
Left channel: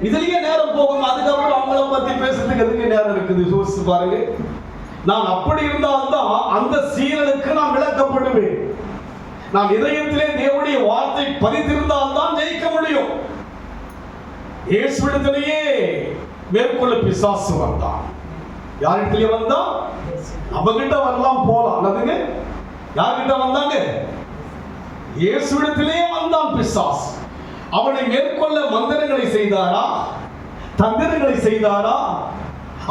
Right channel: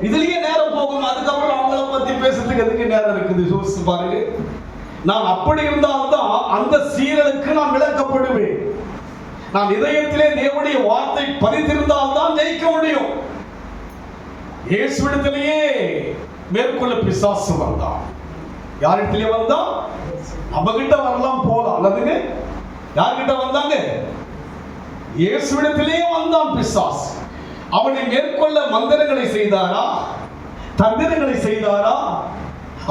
இதுலயே நேரம் போகும். அதுக்கப்புறம் அவங்கள பத்தி பேசுறதுக்கு எதுக்கு நேரம் இருக்குது? யோசிச்சு பாருங்க. நான் அப்படி இருந்தால்தான் அந்த சீரலுக்கு நான் விளக்கப்படுவேன். நான் இதயத்திலே தேவனுடைய வார்த்தை பதித்திருந்தால்தான் ஜெயிக்க முடியும். இயேசுவிடத்திலேயே மேற்கொள்ள பிசாசு வந்தான். யாரிடத்திலே வந்தான்? அவகிட்ட வரலாம் போலாம். அல்லதுங்க யார்கிட்ட வந்தாங்க? இயேசுவிடத்திலே வந்தான் பிசாசு. அவனை மேற்கொள்ள மந்திரங்களை செய்தாரா? தந்திரங்களை செய்தாரா?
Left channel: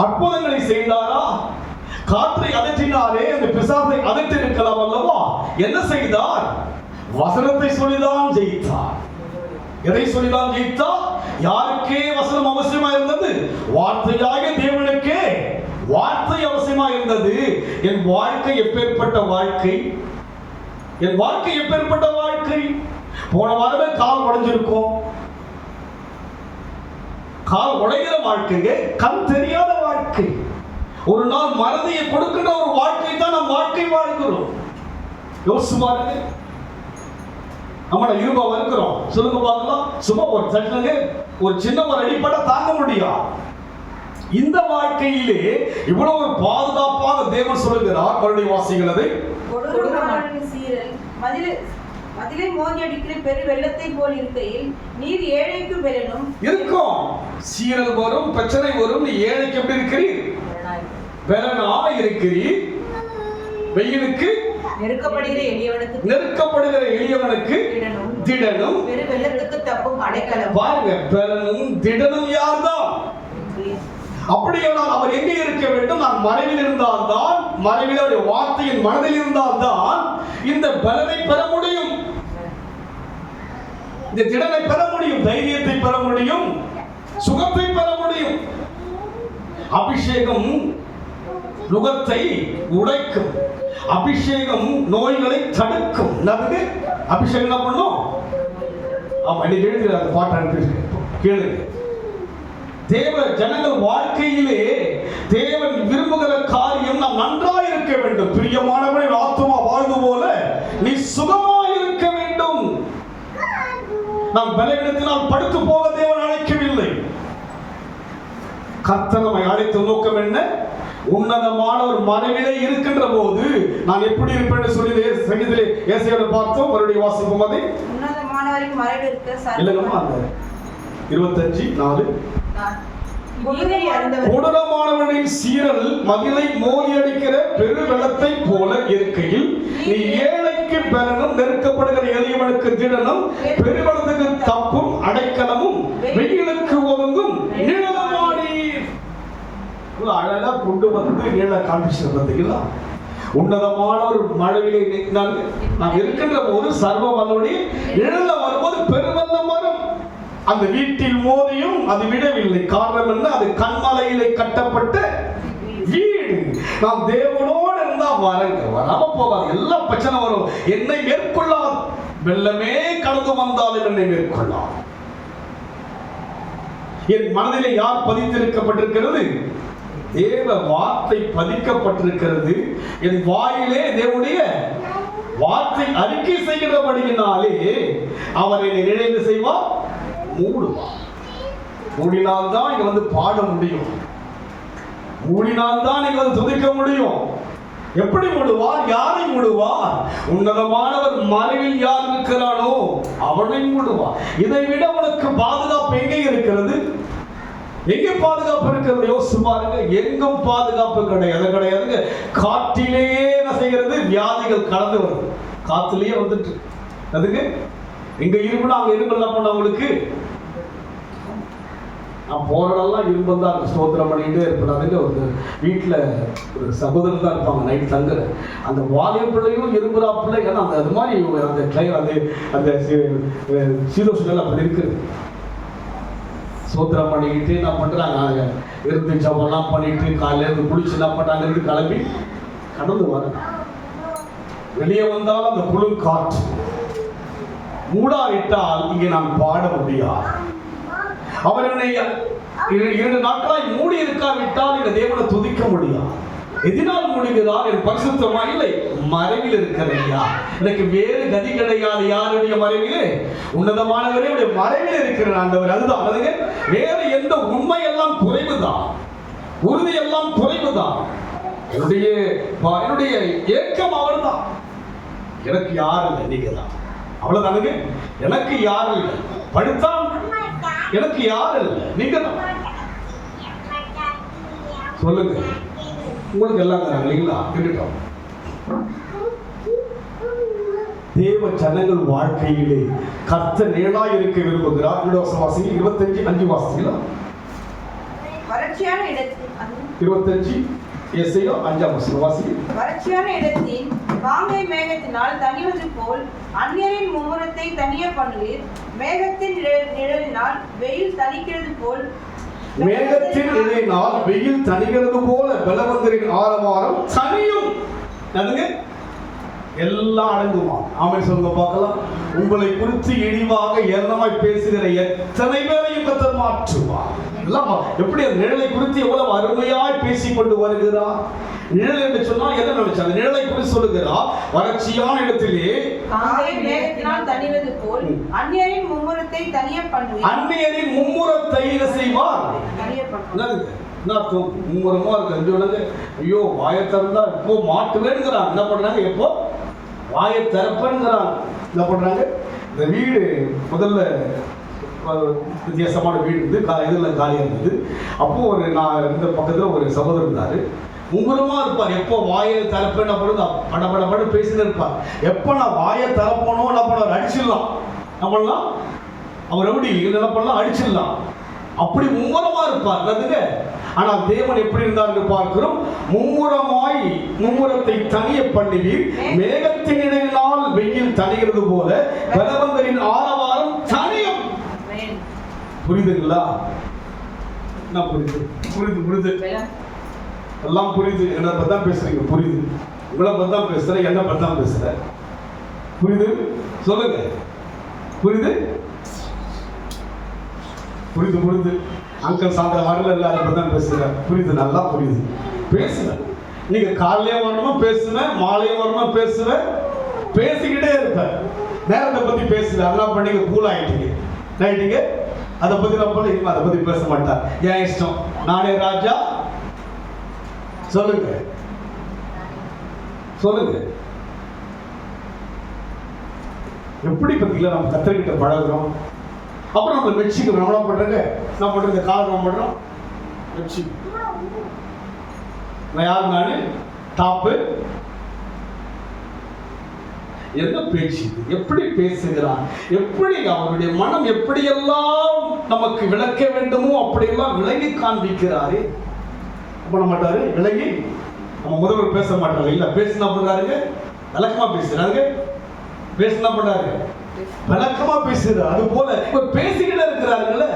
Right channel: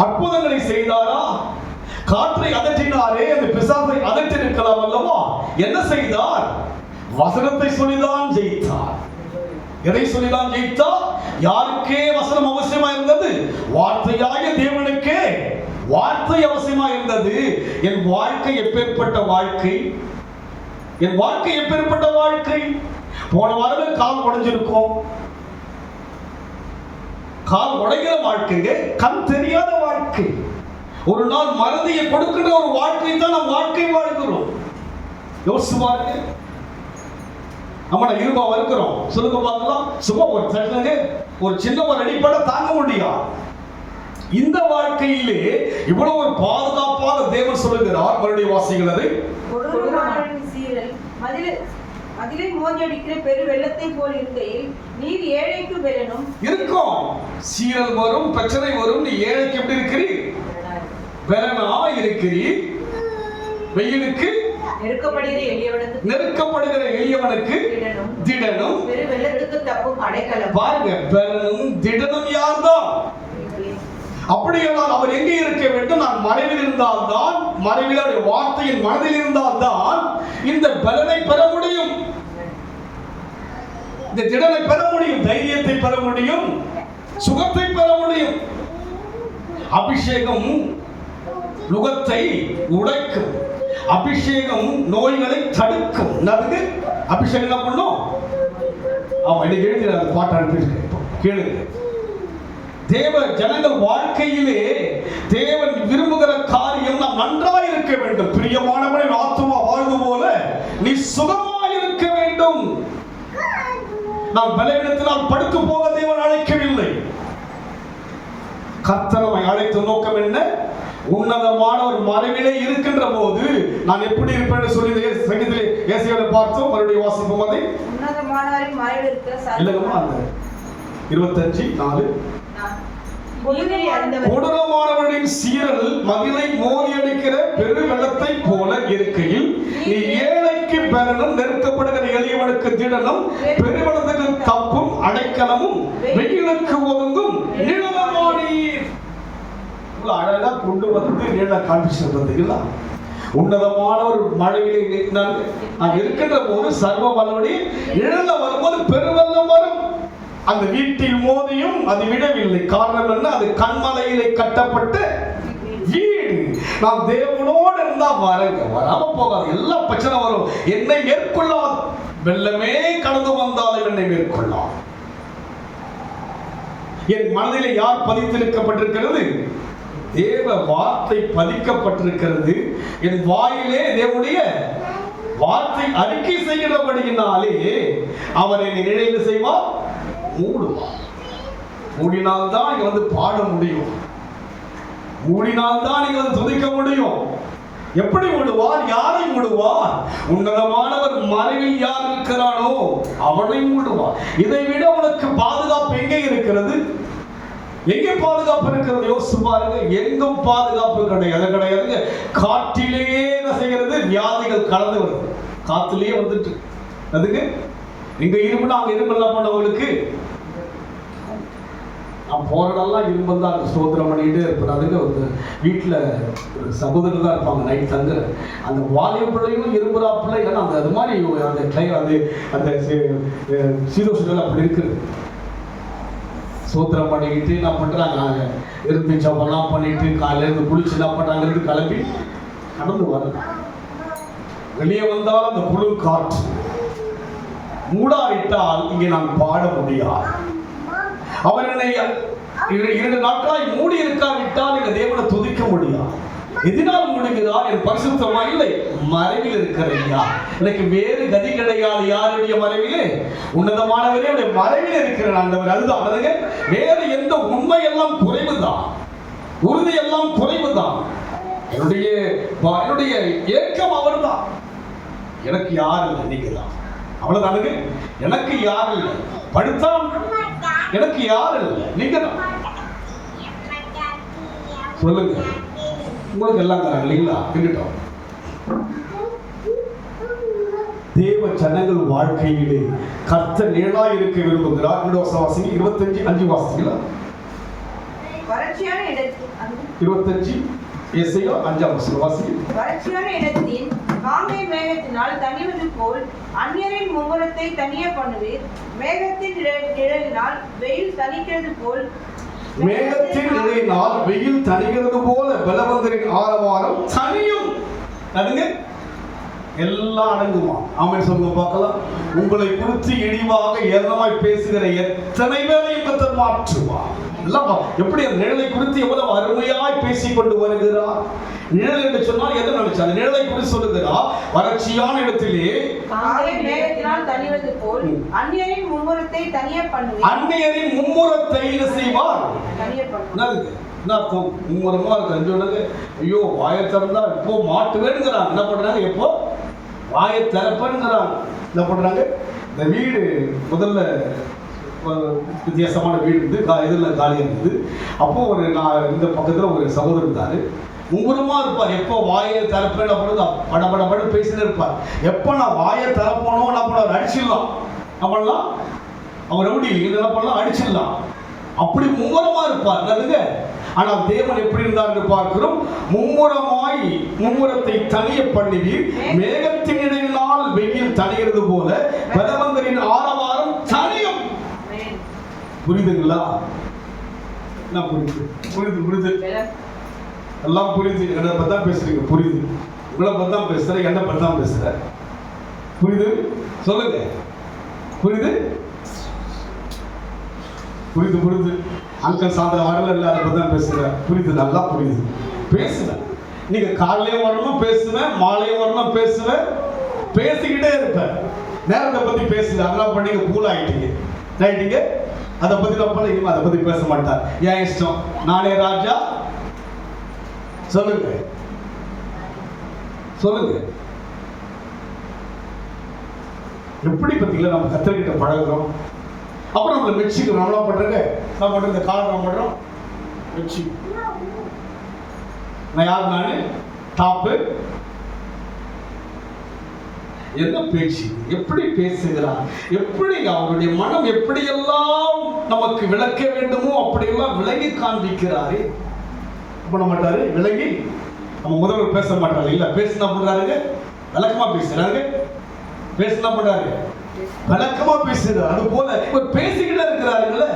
அற்புதங்களை செய்தாரா? காற்றை அதற்றினாரே, அந்த பிசாசை அதற்றி இருக்கலாம் அல்லவா? என்ன செய்தார்? வசனத்தை சொல்லிதான் ஜெயித்தார். எதை சொல்லிதான் ஜெயித்தார்? யாருக்கே வசனம் அவசியமா இருந்தது? வார்த்தையாக தேவனுக்கே வார்த்தை அவசியமா இருந்தது. என் வாழ்க்கை எப்பேற்பட்ட வாழ்க்கை! என் வாழ்க்கை எப்பேற்பட்ட வாழ்க்கை! போன வாரமே கால் உடைஞ்சிருக்கும். கால் உடைகிற வாழ்க்கைங்க, கண் தெரியாத வாழ்க்கை. ஒரு நாள் மறதியை கொடுக்கிற ஒரு வாழ்க்கை தான் நம் வாழ்க்கை வாழ்கிறோம். யோசிச்சு பாருங்க. நம்மள இருபா இருக்கிறோம், சொல்லுங்க பார்க்கலாம். சும்மா ஒரு சட்டங்க ஒரு சின்ன ஒரு அடிப்படை தாங்க முடியாது. இந்த வாழ்க்கையிலே இவ்வளவு ஒரு பாதுகாப்பாக தேவன் சொல்லுகிறார். மறுபடியும் வாசிகள் அதை. சீரல் மதிலை மோதி அடிக்கிற பெரு வெள்ளத்தை போல் இருக்கையில் நீர் ஏழைக்கு பலனும் இருக்கும். சீரல் வரும், பிரச்சனை வரும். நீ ஏழைக்கு எப்படி இருக்கிறீர்? பலனா இருக்கிறீர். வெயிலுக்கு நெருக்கப்படுகிற எளியவனுக்கு திடனும் பெரு வெள்ளத்துக்கு தப்பும் அடைக்கலம். பாருங்க, பெறனும் திடனும் யார்தான்? அப்படியானால் அவர் எங்கே இருக்க வேண்டும்? நான் மறைவில் இருந்தால்தான், மறைவில் அவருடைய வார்த்தையின் மனதில் இருந்தால்தான் இந்த பலனை பெற முடியும், இந்த திடனை பெற முடியும், தைரியத்தை பெற முடியும், சுகத்தை பெற முடியும். அபிஷேகம் நுகத்தை உடைக்கும், அபிஷேகம் நோய்களை தடுக்கும். நமக்கு அபிஷேகம் என்ன பண்ணும்? இன்னைக்கு எழுதுகிற பாட்டு அனுப்பியிருக்கேன், கேளுங்க. தேவ ஜனங்கள் வாழ்க்கையிலே தேவன் விரும்புகிற காரியம் நாம் நன்றாக இருக்க வேண்டும். பிரியமானவனின் ஆத்துமா வாழ்ந்து போல நீ சுகமாக இருக்க வேண்டும். நாம் பலவீனத்தினால் படுத்து போக தேவன் அழைக்கவில்லை. கர்த்தர் நம்மை அழைத்த நோக்கம் என்ன? உன்னதமான ஒரு மறைவிலே இருக்கின்ற போது நான் எப்படி இருப்பேன்னு சொல்லி சங்கீதத்திலே ஏசாயாவை பார்த்தோம். மறுபடியும் வாசிப்போம். அதை உன்னதமானவரின் மறைவிற்கு இல்லைங்கம்மா, அந்த 25:4 கொடூரமானவனின் சீரல் மதிலை மோதியடிக்கிற பெரு வெள்ளத்தை போல இருக்கையில் நீ ஏழைக்கு பெறனும் நெருக்கப்படுகிற எளியவனுக்கு திடனும் பெருவெள்ளத்துக்கு தப்பும் அடைக்கலமும் வெயிலுக்கு ஒதுங்கும் நிழலமானீர். அழகா கொண்டு வந்து நிழல காண்பிச்சிருந்தீங்களா? உன்னதமான ஒரு மழையிலே நாம் இருக்கின்ற போது சர்வ வல்லவருடைய நிழல்ல வரும்போது பெருவெள்ளம் வரும். அந்த வீட்டில் மோதியும் அது விடவில்லை. காரணம் என்ன? அது கண்மலையிலே கட்டப்பட்ட வீடு. நாம் தேவனோடு இருந்தா வரங்க, வராம போகாது. எல்லா பிரச்சனை வரும், என்னை மேற்கொள்ளாது. வெள்ளமே கடந்து வந்தாலும் என்னை மேற்கொள்ளாது. என் மனதிலே யார் பதித்திருக்கப்பட்டிருக்கிறது? தேவ வார்த்தை பதிக்கப்பட்டிருக்கிறது. என் வாயிலே தேவனுடைய வார்த்தை அறிக்கை செய்கிறபடியினாலே அவர் என்னை நினைவு செய்வார், மூடுவார். மூடினால்தான் இங்க வந்து பாட முடியும், மூடினால்தான் இங்க வந்து துதிக்க முடியும். எப்படி மூடுவார்? யாரை மூடுவார்? உன்னதமானவர் மறைவில் யார் இருக்கிறானோ அவனை மூடுவார். இதை விட உனக்கு பாதுகாப்பு எங்கே இருக்கிறது? எங்கே பாதுகாப்பு இருக்கிறது? யோசிச்சு பாருங்க. எங்கும் பாதுகாப்பு கிடையாதுங்க. காற்றிலேயே என்ன செய்கிறது? வியாதிகள் கலந்து வருது, காத்திலேயே வந்துட்டு. அதுக்கு இங்க இரும்புனா அங்க இரும்பெல்லாம் பண்ணவங்களுக்கு நான் போறதெல்லாம் இரும்பல் தான். ஸ்தோத்திரம் பண்ணிட்டு இருப்பாங்க. ஒரு வீட்டில் ஒரு சகோதரர் தான் இருப்பாங்க, நைட் தங்க. அந்த வாலிய பிள்ளைகளும் இரும்புறா பிள்ளைகள் அந்த அது மாதிரி அந்த அந்த சீரோசுகள் அப்படி இருக்குது. சோத்திரம் பண்ணிக்கிட்டு என்ன பண்ணுறாங்க, இருந்து ஜபம்லாம் பண்ணிட்டு காலையிலேருந்து குளிச்சு என்ன பண்ணுறாங்க, கிளம்பி கடந்து வராங்க. வெளியே வந்தால் அந்த புழு காற்று மூடாவிட்டால் இங்கே நான் பாட முடியாது. அவர் என்னை 2 நாட்களாய் மூடி இருக்காவிட்டால் இந்த தேவனை துதிக்க முடியாது. எதனால் முடிகிறார்? என் பரிசுத்தமா இல்லை, மறைவில் இருக்கிறையா. எனக்கு வேறு கதி கிடையாது. யாருடைய மறைவிலே? உன்னதமானவரே மறைவில் இருக்கிற ஆண்டவர். அதுதான் அதுங்க. வேறு எந்த உண்மை எல்லாம் குறைவுதான், உறுதி எல்லாம் குறைவுதான். என்னுடைய ஏக்கம் அவர் தான். எனக்கு யார் இல்லை, நீங்க தான். அவ்வளவுதானுங்க. எனக்கு யார் இல்லை, படுத்தா எனக்கு யார் இல்லை, நீங்க தான். சொல்லுங்க, உங்களுக்கு எல்லாம் தராங்க இல்லைங்களா? கேட்டுட்டோம். தேவ ஜனங்கள் வாழ்க்கையிலே கர்த்தர் நிழலாய் இருக்க விரும்புகிறார். 25:5 வாசிங்களா? வறட்சியான இடத்தில் 25 எஸ்ஐயோ 5ஆம் வசனம் வாசிங்க. வறட்சியான இடத்தில் காங்கை மேகத்தினால் தணிவது போல் அந்நியரின் மும்முரத்தை தனிய பண்ணுவீர். மேகத்தின் நிழலினால் வெயில் தணிக்கிறது போல், மேகத்தின் நிழலினால் வெயில் தணிகிறது போல பலவந்தரின் ஆரவாரம் தனியும். அதுங்க எல்லாம் அடங்குமா? ஆமென் சொல்லுங்க பார்க்கலாம். உங்களை குறித்து இழிவாக ஏளனமாய் பேசுகிற எத்தனை பேரையும் கர்த்தர் மாற்றுவார். எல்லாம் எப்படி அந்த நிழலை குறித்து எவ்வளவு அருமையாய் பேசிக் கொண்டு வருகிறார். நிழல் என்று சொன்னால் எதை நினைச்சு அந்த நிழலை குறித்து சொல்லுகிறார். வறட்சியான இடத்திலே காங்கை மேகத்தினால் தணிவது போல் அந்நியரின் மும்முரத்தை தனிய பண்ணுவீர். அந்நியரின் மும்முரத்தை என்ன செய்வார்? தனிய பண்ணுவீர். மும்முரமா இருக்கு. ஐயோ வாயை திறந்தா இப்போ மாட்டுவேங்கிறாங்க. என்ன பண்றாங்க? எப்போ வாயை திறப்பேங்கிறாங்க. என்ன பண்றாங்க? இந்த வீடு முதல்ல வித்தியாசமான வீடு இருந்து இதில் காலியாக இருந்தது. அப்போ நான் இந்த பக்கத்தில் ஒரு சகோதரர் இருந்தார். மும்முரமா இருப்பார். எப்போ வாயை திறப்பேன் பொழுது படபடபட பேசிட்டு இருப்பார். எப்போ நான் வாயை திறப்பணும் என்ன பண்ண அடிச்சிடலாம், நம்மளாம் அவர் எப்படி என்ன பண்ணலாம், அடிச்சிடலாம். அப்படி மும்முரமா இருப்பார் என்னதுங்க. ஆனால் தேவன் எப்படி இருந்தார் என்று பார்க்கிறோம். மும்முரத்தை தனிய பண்ணுவீர், மேகத்தின் இடையினால் வெயில் தனிகிறது போல பலவந்தரின் ஆரவாரம் தனியும். புரியுதுங்களா? என்ன புரியுது? புரியுது எல்லாம் புரியுது. என்ன பத்தி தான் பேசுறீங்க? புரியுது. உங்களை பத்தி தான் பேசுறேன், என்ன பத்தி தான் பேசுறேன். புரியுது? சொல்லுங்க. புரியுது? புரியுது. அங்கிள் சாந்த வரல இல்ல, அதை பத்தி தான் பேசுறேன். புரியுது, நல்லா புரியுது. பேசுவேன். நீங்க காலையிலே வரணும் பேசுவேன், மாலையும் வரணும் பேசுவேன், பேசிக்கிட்டே இருப்பேன். நேரத்தை பத்தி பேசுவேன். அதெல்லாம் பண்ணி கூல் ஆயிட்டீங்க. அதை பத்தி நான் பண்ண இனிமே அதை பத்தி பேச மாட்டார். ஏன் இஷ்டம், நானே ராஜா. சொல்லுங்க. எப்படி பத்தில நம்ம கத்தர்கிட்ட பழகுறோம். அப்புறம் நம்ம மெச்சிக்கிறோம். நம்மளா பண்றேங்க, நான் பண்ற இந்த கால் நம்ம பண்றோம் மெச்சி. நான் யார்? நானு டாப்பு. என்ன பேச்சு, எப்படி பேசுகிறான், எப்படி அவருடைய மனம் எப்படியெல்லாம் நமக்கு விளக்க வேண்டுமோ அப்படியெல்லாம் விளங்கி காண்பிக்கிறாரு. பண்ண மாட்டாரு விளங்கி. நம்ம முதல்வர் பேச மாட்டாரு இல்ல, பேசினா பண்றாருங்க, விளக்கமா பேசுறாங்க. பேசினா பண்றாரு, விளக்கமா பேசுறாரு. அது போல இப்ப பேசிக்கிட்டே இருக்கிறாருங்கள,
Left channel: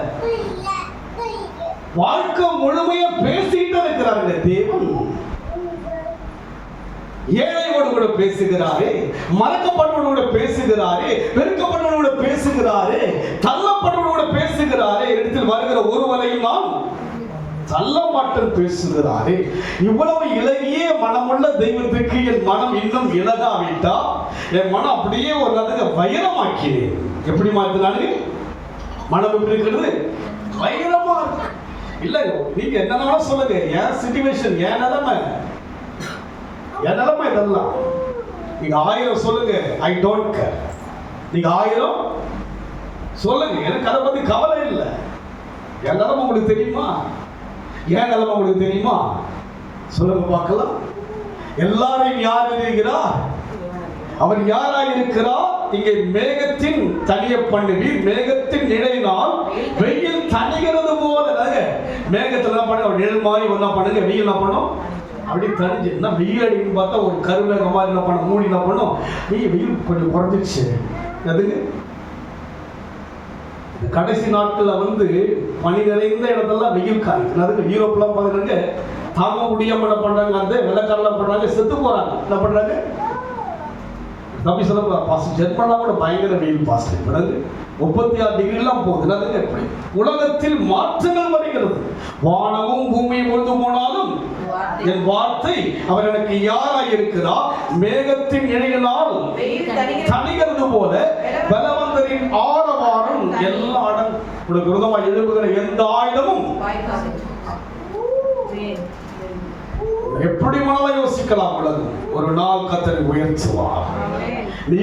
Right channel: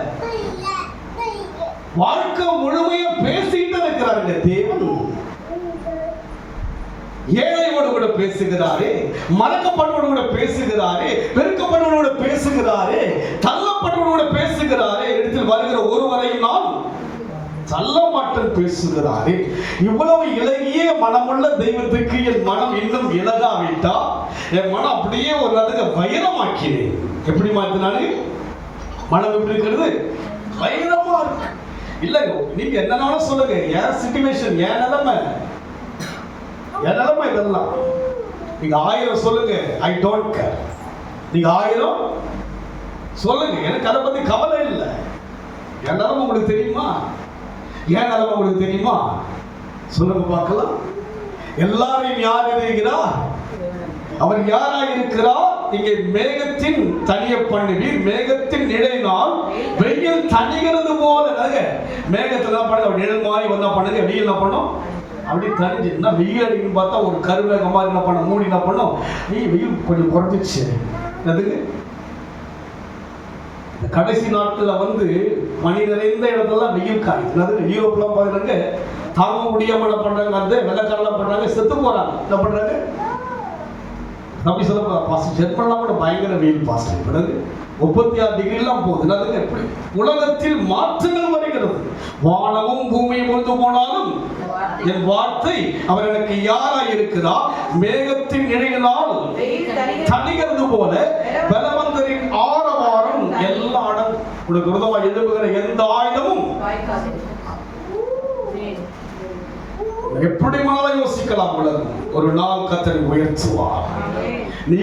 வாழ்க்கை முழுமையா பேசிக்கிட்டே இருக்கிறாருங்க தேவன். ஏழையோடு கூட பேசுகிறாரே, மறக்கப்பட்டவோடு கூட பேசுகிறாரே, பெருக்கப்பட்டவோடு கூட பேசுகிறாரே, தள்ளப்பட்டவோடு கூட பேசுகிறாரே. இடத்தில் வருகிற ஒருவரையும் நான் தள்ள மாட்டேன் பேசுகிறாரே. இவ்வளவு இலகிய மனமுள்ள தெய்வத்துக்கு என் மனம் இன்னும் இலகாவிட்டா, என் மனம் அப்படியே ஒரு அதுக்கு வைரமாக்கினேன். எப்படி மாத்தினாரு? மனம் எப்படி இருக்கிறது? வைரமா இருக்கு. இல்ல நீங்க என்ன சொல்லுங்க, என் சிச்சுவேஷன், என் நிலைமை இதெல்லாம். நீங்க 1000 சொல்லுங்க, ஐ டோன்ட் கேர். நீங்க 1000 சொல்லுங்க, எனக்கு அதை பத்தி கவலை இல்லை. என் நிலைமை உங்களுக்கு தெரியுமா? என் நிலைமை உங்களுக்கு தெரியுமா? சொல்லுங்க பார்க்கலாம். எல்லாரையும் யார் இருக்கிறார்? அவர் யாராக இருக்கிறார்? இங்கே மேகத்தின் தனிய பண்ணுவீர், மேகத்தின் நிழலினால் வெயில் தணிகிறது போல. மேகத்துல என்ன பண்ணுங்க, நிழல் மாதிரி என்ன பண்ணுங்க, வெயில் என்ன பண்ணும் அப்படி தனிஞ்சுன்னா, வெயில் அடின்னு பார்த்தா ஒரு கருவேக மாதிரி என்ன பண்ண மூடி என்ன பண்ணும், வெயில் கொஞ்சம் குறைஞ்சிச்சு. அதுக்கு கடைசி நாட்கள்ல பனி நிறைந்த இடத்துல வெயில் காய்க்கும். யூரோப்லாம் பாருங்க, தாங்க முடியாம என்ன பண்றாங்க, அந்த வெள்ளக்காரெல்லாம் பண்றாங்க, செத்து போறாங்க. என்ன பண்றாங்க? தம்பி சொல்ல பாஸ்ட் ஜெர்மன்லாம் கூட பயங்கர வெயில் பாஸ்ட். 36 டிகிரிலாம் போகுது. எப்படி உலகத்தில் மாற்றங்கள் வருகிறது. வானமும் பூமியும் பொழுது போனாலும் என் வார்த்தை அவர் எனக்கு யாராக இருக்கிறார்? மேகத்தின் இழையினால் தணிகிறது போல பலவந்தரின் ஆரவாரம் எல்லா இடம் உங்களுக்கு விரோதமாக எழுப்புகிற எந்த ஆயுதமும். எப்படி மனதை யோசிக்கலாம். ஒரு நாள் கர்த்தரை உயர்த்துவார்.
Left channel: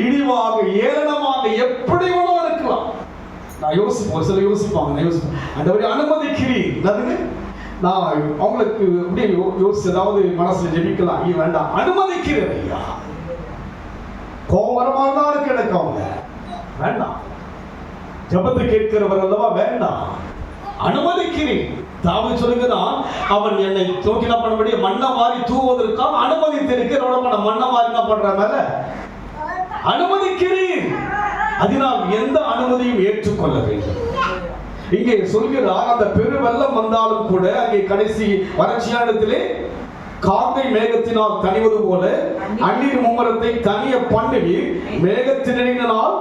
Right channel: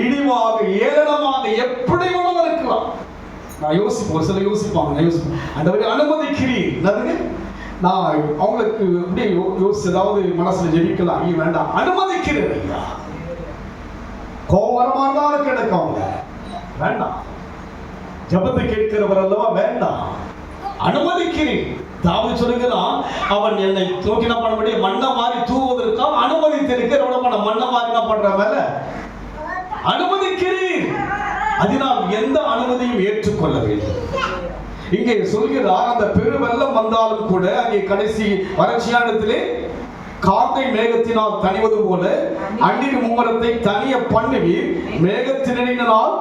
இழிவாக ஏளனமாக எப்படி வேணாலும் இருக்கலாம். நான் யோசிப்போம், சில யோசிப்பாங்க, நான் யோசிப்பேன், ஆண்டவரே அனுமதிக்கிறீர். நான் அவங்களுக்கு இப்படி யோசிச்சு ஏதாவது மனசுல ஜெபிக்கலாம். வேண்டாம், அனுமதிக்கிறேன் ஐயா. கோபரமாக தான் இருக்கு எனக்கு. அவங்க வேண்டாம், ஜெபத்தை கேட்கிறவர் அல்லவா, வேண்டாம், அனுமதிக்கிறேன். தாவீது சொல்லுகிறான், அவன் என்னை நோக்கி என்ன பண்ண முடியும், மண்ணை மாறி தூவுவதற்காக அனுமதித்திருக்கிறேன். மண்ணை மாறி என்ன பண்ற மேல அனுமதிக்கிறேன். அதனால் எந்த அனுமதியும் ஏற்றுக்கொள்ள வேண்டும். இங்கே சொல்கிறார், அந்த பெரு வெள்ளம் வந்தாலும் கூட அங்கே கடைசி வறட்சியானத்திலே காற்றை மேகத்தினால் தணிவது போல அந்நிய மும்முரத்தை தனிய பண்ணுவீர், மேகத்தினால்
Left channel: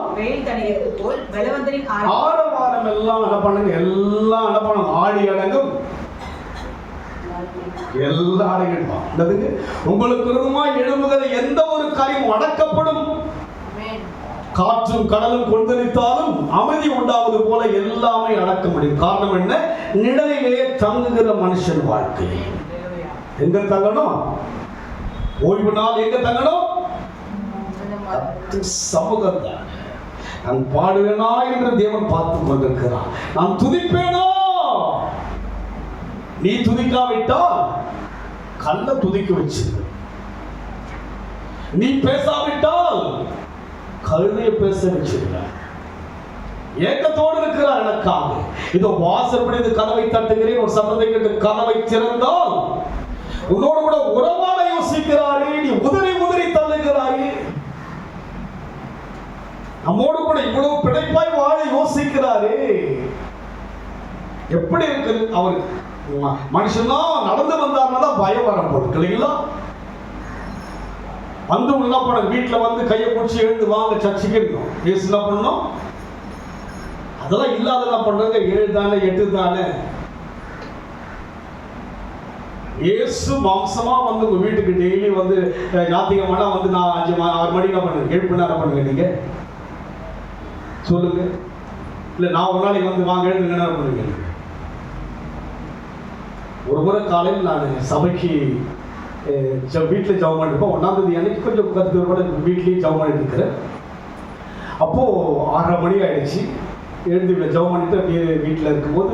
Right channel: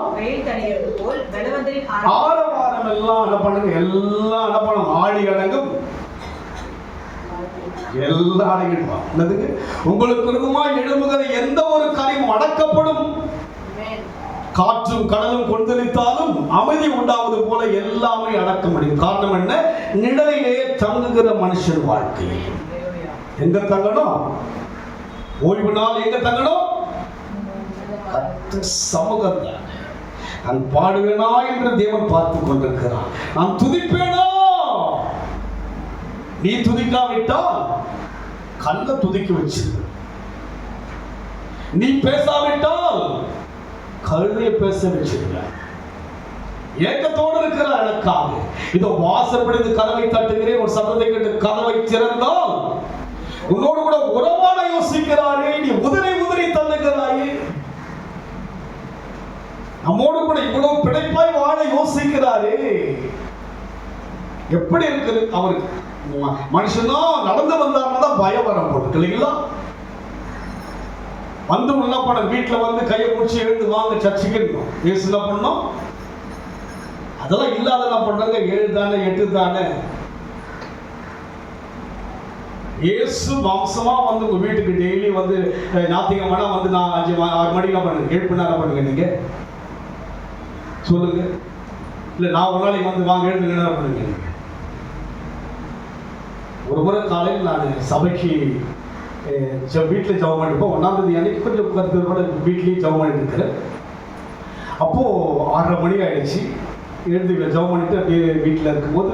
ஆரவாரம் எல்லாம் என்ன பண்ணுங்க, எல்லாம் என்ன பண்ணும், ஆடி அடங்கும், எல்லாம் அடங்கிடுவாங்க. உங்களுக்கு விருதமாய் எழும்புகிற எந்த ஒரு காரியமும் அடக்கப்படும். காற்றும் கடலும் கொந்தளித்தாலும் அமைதி உண்டாவது போல எல்லாமே அடக்க முடியும். காரணம் என்ன? நிழலிலே தங்குகிற மனுஷன் வாழ்க்கை. எங்க தங்கணும்? ஓய்வு நாள் எங்க தங்கணும்? சமூகம் தான். நான் பாடுவேனா என்று தேவன் பார்த்து கொண்டிருக்கிறான். நான் துதிப்பேனா? நீ துதிக்காவிட்டால் கல்ல துதிக்க வச்சிருக்கு. நீ பேசாவிட்டால் கழுதையை பேச வச்சிருக்க. ஏக்கத்தோடு இருக்கிறார் எனக்காக. இதோ வாசற்படி கதவை தட்டுகிறேன், ஒரு சத்தத்தை கேட்டு கதவை திறந்தால் உன்னோடு கூட உறவாட யோசிக்கிறாரே, நீ உதிரை தள்ளுகிறாயே. நம்மோடு கூட இவ்வளவு பிழைப்பாய் வாழ யோசிக்கிறாரே. எப்படி இருக்குது அவருக்கு? மனுஷனா நடந்து வந்தாருன்னா தான் பயம் வர போட்டு இல்லைங்களா? வந்து என்ன பண்ண, வீட்டில் வந்து கையை பிடிச்சி எழுந்து வாங்க சர்ச்சுக்கு இயேசு என்ன பண்ணோம்? அதெல்லாம் இல்லாத என்ன பண்றாங்க? 7 தானே 8 தானே. இயேசு மாம்சமா வந்து உங்க வீட்டுக்கு டெய்லி வந்து ஞாயிற்றுக்கிழமை வந்து நான் 5-6 மணி என்ன பண்ணுங்க, 7 மணி நேரம் பண்ணுங்க. நீங்க சொல்லுங்க. இல்ல நான் ஒரு நாளைக்கு வந்து வாங்க 7 மணி நேரம் பண்ணுங்க. ஒரு முறை காலையில் நான் சபைக்கு வீட்டில் ஜபம் பண்ணிருப்போம். 1ஆம் தேதி அன்னைக்கு கொஞ்சம் கருத்து வீட்லேயும் ஜபம் பண்ணிட்டு இருக்கிறேன். அப்போ 6:30 மணி ஆயிடுச்சு. எழுந்து ஜபம் பண்ணிட்டு அப்படியே வீட்டில் இருக்கும்போது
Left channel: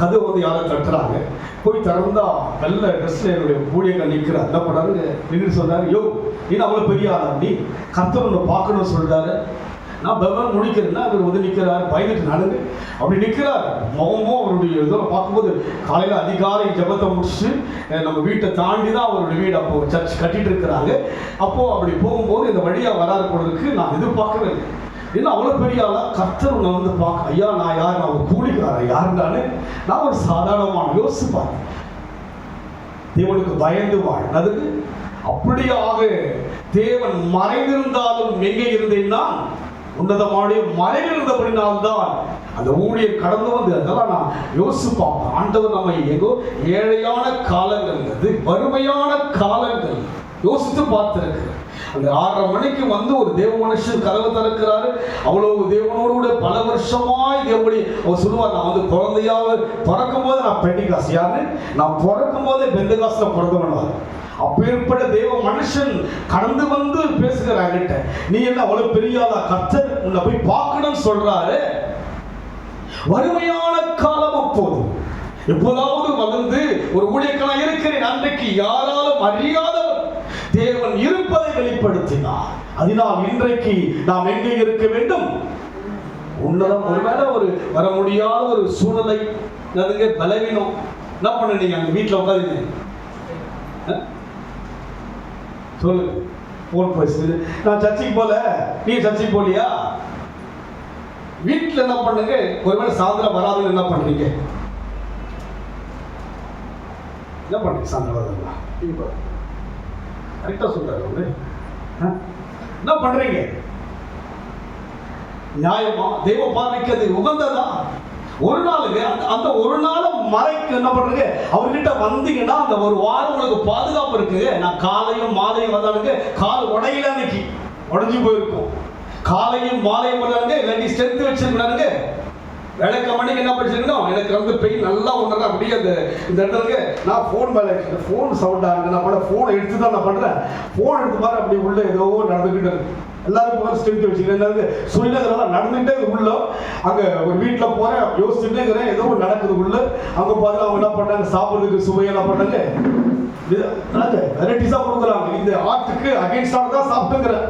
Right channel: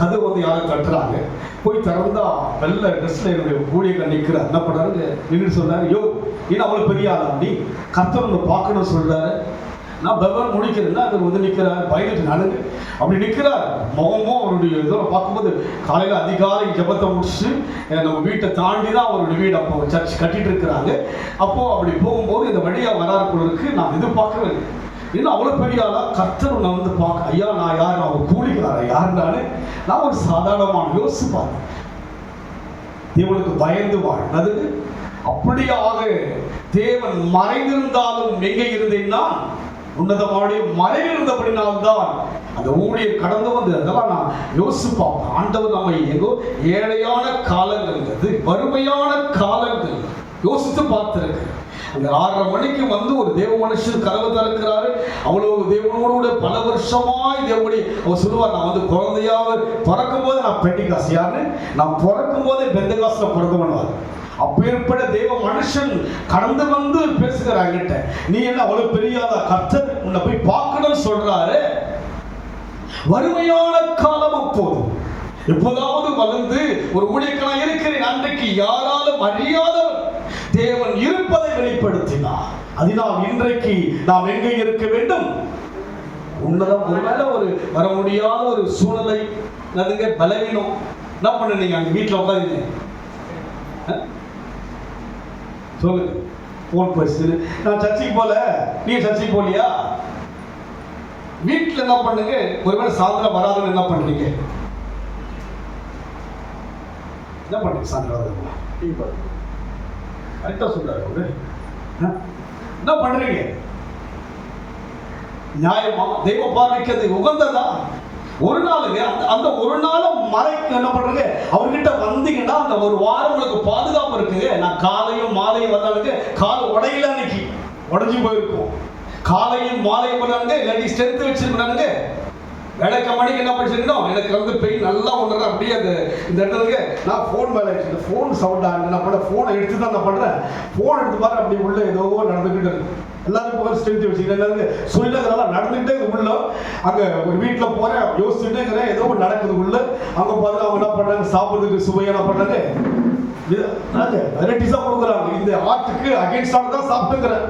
கதவு வந்து யாரும் தட்டுறாங்க. போய் திறந்தா நல்ல ட்ரெஸ்ல என்னுடைய ஊழியர்கள் நிற்கிறார். என்ன பண்ணாரு? நின்று சொல்றாரு, யோ நீ அவ்வளோ பெரிய ஆளா, அப்படி கர்த்தர் ஒன்று பார்க்கணும்னு சொல்றாரு. நான் பெவன் முடிக்கிறேன்னா அவர் வந்து நிற்கிறார், பயந்துட்டு நடந்து அப்படி நிற்கிறார். முகமும் அவருடைய இதோ பார்க்கும்போது காலையில் அதிகாலை ஜபத்தை முடிச்சுட்டு நம்ம வீட்டை தாண்டி தான் அவருடைய வீடு அப்போ சர்ச் கட்டிட்டு இருக்கிறாங்க. அப்போ அப்படி போகும்போது இந்த வழியாக வராரு போறதுக்கு நான் எதிர்பார்க்கவே இல்லை. இன்னும் அவ்வளோ பெரிய ஆளா கர்த்தர் நான் வந்து பார்க்க, ஐயா நான் யார், நான் ஒரு கூலிக்காரன் யாருனாலே நான் ஒரு சாதாரணமான யோசிப்பார். தேவனுக்கு பயந்து வாழ்ந்தது. அப்படியாக தேவன் மறைந்திருந்தாலும் எங்கே இருந்தேன்னா உன்னதமான மறைந்திருந்தபடினால்தான் அந்த ஊழியர் கடந்து வந்து அதெல்லாம் நான் யோசிப்போம். ஆண்டவர் நம்மை எங்கோ ஏழையான காலங்கள், வறுமையான காலங்கள் யோசித்து பார்த்திருக்கு. அந்த 6:30 மணிக்கு வந்து ஒரு தேவ மனுஷன் கதவை திறக்கிறாரு. அவ்வளவு தேவனோடு பல வருஷமாய் தேவனுடைய அவர் சொல்லுவார், நான் வந்து குழந்தையாக பிறக்கும் போது நான் பெண்டிகாஸ் யாரு, நான் பிறக்கும் போதே பெந்தகாஸ்ல பிறந்தவனார். அப்பேற்பட்ட தேவ மனுஷன் கடந்து வந்து பேசுகிறாங்கிட்ட, நீ என்ன அவ்வளவு பெரியாதா, கர்த்தர் உன்னை போய் பார்க்கணும்னு சொல்றாரு. வறுமையான காலம் அப்போது எப்போதாவது வளர்ந்து ஒரு ஊழியக்காரன் இருக்கிறேன். அன்றைக்கு யாராலும் அறியாதவர் தேவன் இருப்பதை வெளிப்படுத்தினார். அதனால் இன்றைக்கு நாம் எங்கே இருக்க வேண்டும்? உன்னதம். ஒருவேளை ஒரு வர முடியாத ஒரு சூழ்நிலை, பலவீனம், என்ன பண்ண நீங்க அங்க வீட்டில் உட்காந்து சொல்லு, போன் பேசு, நான் சர்ச்சைக்கு போல, நீ சர்ச்சைக்கு போலியா? வீட்டில் என்ன பண்ணுங்க? ஒருவேளை சாயந்தரம் வராதுன்னு என்ன பண்றீங்க? என்ன பண்றீங்க சாயந்தரம் வராதுங்களா? கரெக்டா சொல்றாரு அவரு. என்ன பண்றீங்க? நியாயமா? தெய்வ பார்வைக்கு உகந்ததா? ஒரு நாளுங்க அந்த ஒரு நாள் மறைக்கு என்ன பண்றீங்க? அவர்கிட்ட வந்தீங்கன்னா அந்த ஒரு வாரம் உங்களுக்கு பாதுகாப்பு இருக்குங்க. நான் காலையும் மாலையும் வந்தாலுங்க கால் உடையில அன்னைக்கு உடஞ்சி போயிருக்கும். காலையும் மாலையும் வந்தாலுங்க இல்லாட்டி ஸ்ட்ரென்த் வச்சிருக்கானுங்க. வேலைக்கு மணிக்கு என்ன படிச்சிருக்கோம்? எனக்கு வந்து பெயின் நல்லா ஒன்று அப்படியே அந்த இந்த இடத்துல நான் ஃபோன் மேலே இந்த ஃபோன் சவுண்ட் ஆகுது. நான் பண்ண ஃபோனை எடுத்து தான் நான் பண்ணுறேன். ஃபோன் எடுத்து பாரு அப்படி உள்ள ஏதோ நடந்துக்கிட்டு இருக்கு. எல்லாரும் போகிற ஸ்ட்ரென்த் வச்சுக்கிறேன். சொல்லலாம் நடந்துகிட்டே உள்ள அங்கே ஒரு வீட்டில் போகிறேன், யோசிச்சுட்டே இருக்கிறேன், ஏதோ நடக்குது உள்ள. அங்கே பார்த்து அவங்க என்ன பண்ணுறாங்க, சாப்பிட்றதுக்கு சுவையெல்லாம் பண்ணாங்க, வெரைட்டிஸாக கொடுக்குறாங்க. இந்த ஆட்டுக்கு அகேன்ஸ்டாக தான் சாப்பிட்டுக்கிறேன்.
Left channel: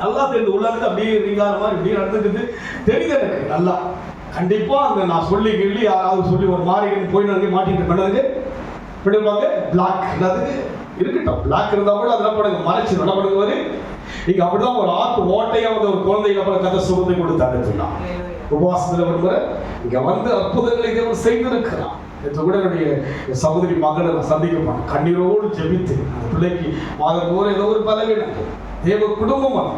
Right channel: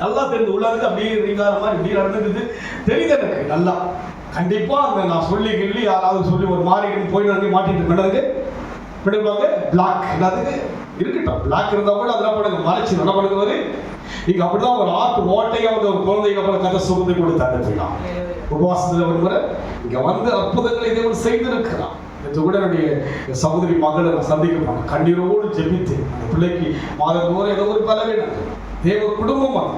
நல்லா தெரியுது உள்ள இருந்து அப்படியே ரீங்கார மாதிரி இப்படி நடந்துக்குது தெரியுது எனக்கு நல்லா. கண்டிப்பா அங்க நான் சொல்லி யாராவது சொல்லி ஒரு மாதிரி போய் மாட்டிட்டு பண்ணதுக்கு பிடிப்பாங்க. பிளாக் எல்லாத்துக்கு இருக்கட்டும், பிளாக் இருந்தா கூட அதெல்லாம் பண்ணுங்க, மறைச்சு என்ன பண்ணுங்க. இங்க அப்படிதான் ஒரு ஆட்டு ஓட்டையா வந்து ஒரு குழந்தைங்க போல கதை சுகத்தை கொடுத்தாங்க. போயிடலாம் உபவாசத்துல ஒரு முறை இங்க வந்து அற்புதங்களை தேவன் செய்திருக்கிறான். கூட என்னுடைய சகோதரி மகளை நான் சந்திக்க மாட்டேன். கண்ணீரோடு ஜெபித்து அந்த பிள்ளைக்கு மாதந்தோறும் ஏதோ ஒரு பலவீனம். தேவ குடும்பம் அது,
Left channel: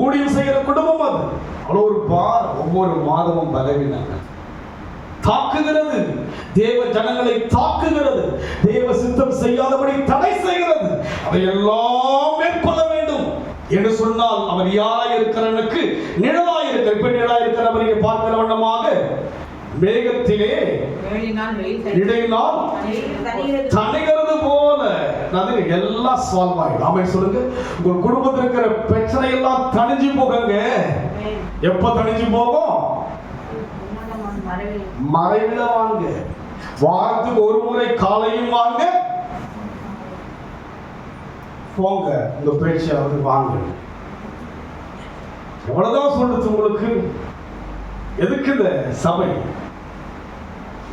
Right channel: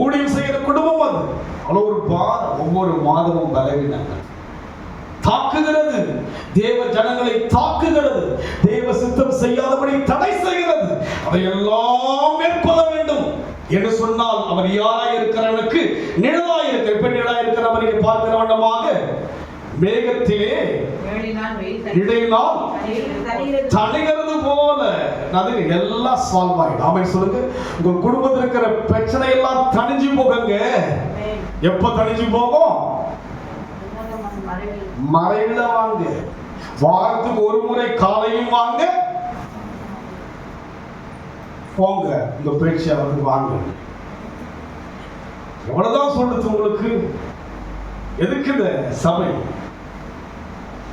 ஊழியம் செய்கிற குடும்பம் அது. அவ்வளோ ஒரு ஒவ்வொரு மாதமும் பலவீனங்கள் தாக்குகிறது. தேவ ஜனங்களை தாக்குகிறது. தேவ சித்தம் செய்யாதபடி தடை செய்கிறது. அதையெல்லாம் மேற்கொள்ள வேண்டும் என்று சொன்னால் அவர் யாராய் இருக்கிறவனுக்கு நிழலாய் இருக்கிற. இப்ப நிழலாய் இருக்கிறவரை பார்க்கிற வண்ணமாக மேகத்திலே இடையினால் தணிகிறது போல எல்லாம் சால்வ் ஆயிடும். ஆமென் சொல்லுங்க. உங்க குடும்பத்தில் இருக்கிற பிரச்சனை எல்லாம் தணிஞ்சு போகுங்க. எப்ப தணிஞ்சு போகும்? மறைவில வாங்க. வாரத்துக்கு ஒரு முறை காலையும் வாங்க, போங்க உங்க பேச்சாவது வாங்க. எவ்வளவுதான் சொல்றது உங்களுக்கு? எதுக்கு இந்த சபை?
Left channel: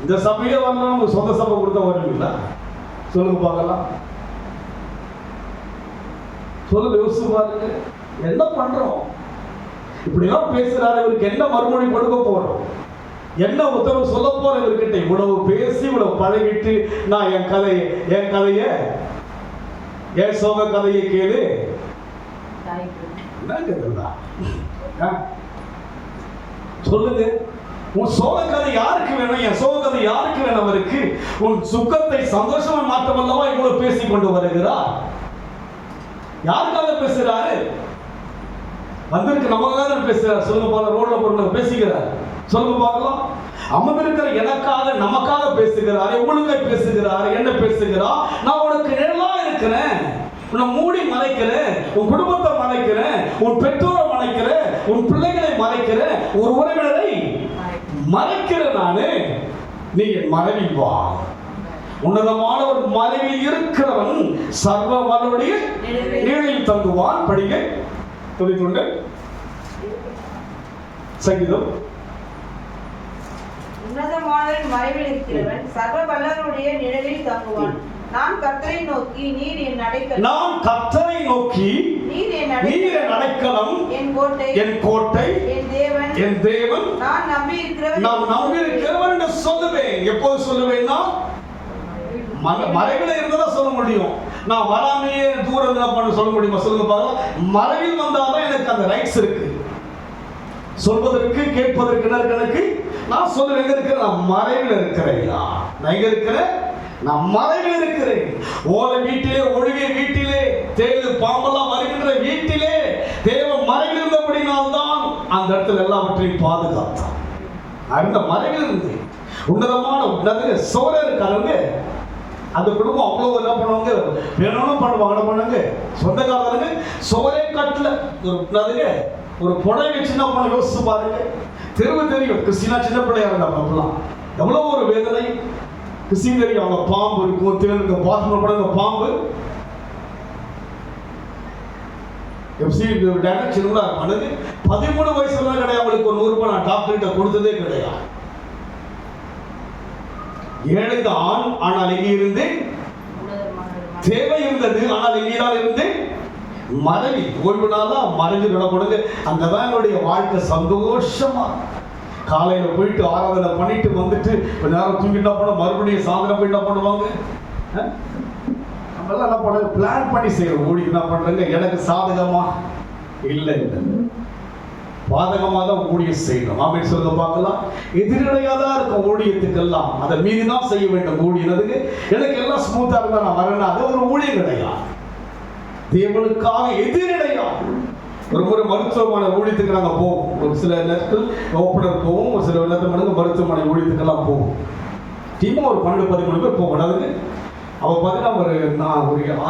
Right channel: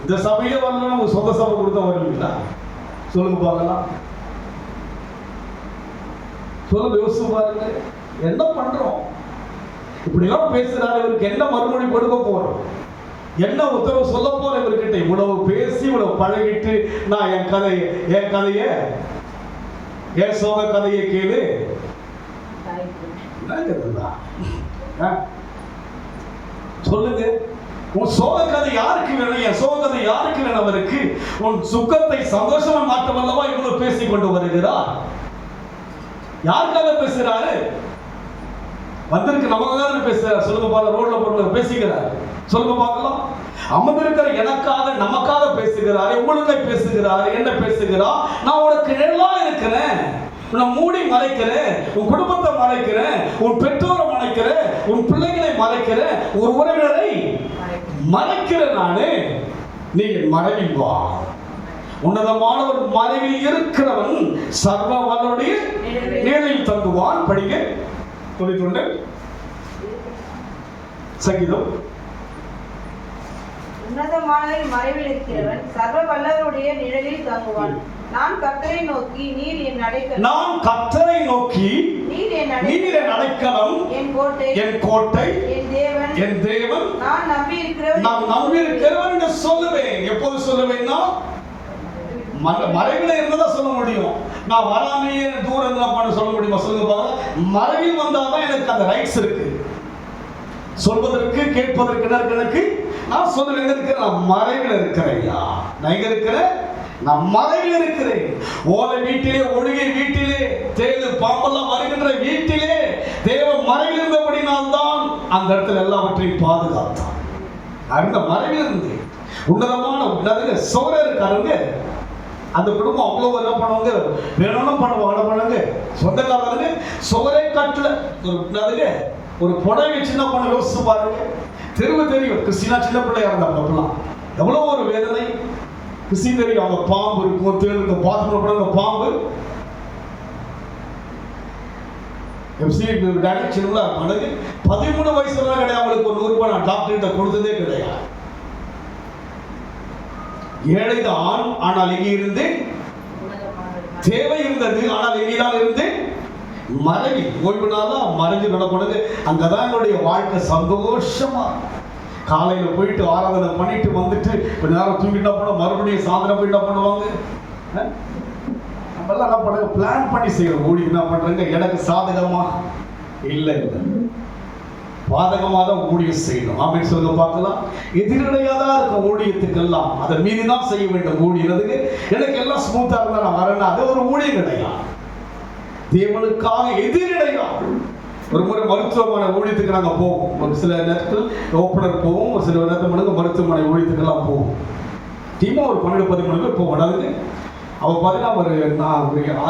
இந்த சபையில வரலாம், உங்க சொந்த சபை கொடுத்தா வருவீங்களா? சொல்லுங்க பார்க்கலாம். சொல்லுங்க, யோசிச்சு பாருங்க. என்ன பண்றோம்? இப்படிலாம் பேசுறாரு, இவருக்கு என்ன மறுமொழி கொடுக்க போறோம்? என்ன உத்தரவு சொல்ல போற இவர்கிட்ட? இவ்வளவு பேசி இவ்வளவு பழகிட்டு நான் என் கதைய என் சோக கதையை கேளு. சொல்லுங்க, உன் சோக கதை யாருக்கு வேணும்? என் சோக கதை யாருக்கு வேணும்? அவருக்கு உன் சுக்கத்தை சந்தோஷமா மாற்ற வல்லவா இவ்வளவு பேசி கொண்டு வருகிறார். யாருக்காக பேசுறாரு? வந்திருக்கு நமக்காக பேசுறாரு. சொல்லுங்க பாருங்க, ரோட்ல போட்டு பேசுகிறார். சொல்லுங்க பார்க்கலாம். அமர்ந்திருக்கிற எனக்காக நமக்காக பேசுகிறார், உங்களுக்காக பேசுகிறார். என்ன பேசுகிறார்? நான் உனக்கு நிழலா இருக்கிறேன், உன்னை மூடி மறைக்கிறேன், உன் குடும்பத்தை மறைக்கிறேன், உன் பெற்றோரை மறைக்கிறேன், உன் பிள்ளைகளை மறைக்கிறேன், ஒரு உறவினரை மறைக்கிறேன். நானு நீ என் மறைவி வா. உன்னதமான ஒரு மறைவில் இருக்கிறவன் சர்வ வல்லவருடைய நிழலில் தங்குவான். படிங்க 91 சங்கீதம். உன்னதமானவரின் மறைவில் இருக்கிறவன் சர்வ வல்லவருடைய நிழலில் தங்குவான். நான் கர்த்தரை நோக்கி நீர் என் அடைக்கலம், நான் கர்த்தரை நோக்கி நீர் என் அடைக்கலம், என் கோட்டை, என் தேவன், நான் நம்பி இருக்கிறவன் என்று சொல்லுவேன். எப்போது சொல்லுவேன்னா, மறைவில் இருந்ததா சொல்ல முடியும். நான் வராமையே தூரம் பண்ண சொல்ல முடியுமா? சொல்லுங்க பார்க்கலாம். மறைவில் வந்தாதான் எனக்கு அந்த ரைட்ஸ் இருக்கு, சொல்வதற்கு கேட்பதற்கு எனக்கு. நான் சொல்ல எங்க இருக்கிறேன்? நான் மறைவில் இருக்கிறேயா? நான் எங்க இருக்கிறேன்? நான் மறைவில் இருக்கிறேன். ஓலை வீட்டிலே, ஒழுகை வீட்டிலே, தேடு பாம்பெல்லாம் வருகின்ற வீட்டிலே தேவன் மறைவில் இருந்தபடினால்தான் அந்த இடத்துல எல்லாவற்றையும் பாதுகாத்தான். அந்த மறைவில் இருந்து உன்னதமான சோழ இருக்காருங்க. அந்த குடும்பம் அவ்வளவு என்ன பண்ணுவாங்க, வேணும்னு பண்ணுவாங்க. சொந்தக்காரங்க சோரே கட்டல ஒரு புடவை சின்ன பண்ண யோசிச்சு பாருங்க. தெரியும் கிறிஸ்டினா சின்ன பிள்ளையா இருந்தாங்க அப்பெல்லாம். எவ்வளவு ஒரு வேதனை. கிறிஸ்டின் தெரியும், அவங்க பாம்பு இருக்கும், தேல் இருக்கும், பாத்ரூம் போட பாம்பு. எஃப்சி சின்னதா மனது 13 வயசு கிடையாது. அவங்களுக்கு ஒரு 100 ரூபாய் நான் டாக்டர்கிட்ட கொடுத்ததே கிடையாது. ஏழைதான், ஆனால் எங்கே இருந்து தேவை இருந்தது. ஆனால் எங்கேதான் இருந்து மறைவி ஓய்வு நாளா மறைஞ்சு விடப்படுது. அங்கதான் என்னுடைய வாழ்க்கை சந்தோஷமா. காலையில போயிட்டு ஆராதனை பண்ணிட்டு வந்துட்டு கொஞ்ச நேரம் தூங்கிட்டா போன, மறுபடியும் சாயந்தரம் போயிட்டா பண்ணுவாங்க. நம்மளாம் என்ன பண்ண பிளான் பண்ணி செய்யறோம். ஓடி என்ன பண்றாங்க, எனக்கு சாதகமா இல்லை, பாதகமாக தான் ஊழியம் செய்யணும். ஆமென் சொல்லுங்க பார்க்கலாம். எதிரடையாதான் இருக்கும் ஊழியத்துக்கெல்லாம், அதை மீறி தான் செய்ய வேண்டும். ஊழியதுக்கு எனக்கு எல்லாம் ஸ்மூத்தா இருந்தா நான் வரேன்னா அது ஒரு ஊழியம் கிடையாது. தேவனுக்காக எதிரடையா. ஒரு முறை மருத்துவமனை ஊழியத்துக்கு நாங்கள் போவோம். ஒரு சில நேரத்தில் ஓப்பனர் போவோம், ஒரு சில நேரத்தில் மருத்துவமனை ஊழியத்துக்கெல்லாம் போவோம். டீமா ஒரு 12-13 பேர் போவோம். அதுக்கு அவள் பார்த்தீங்கன்னா ஒரு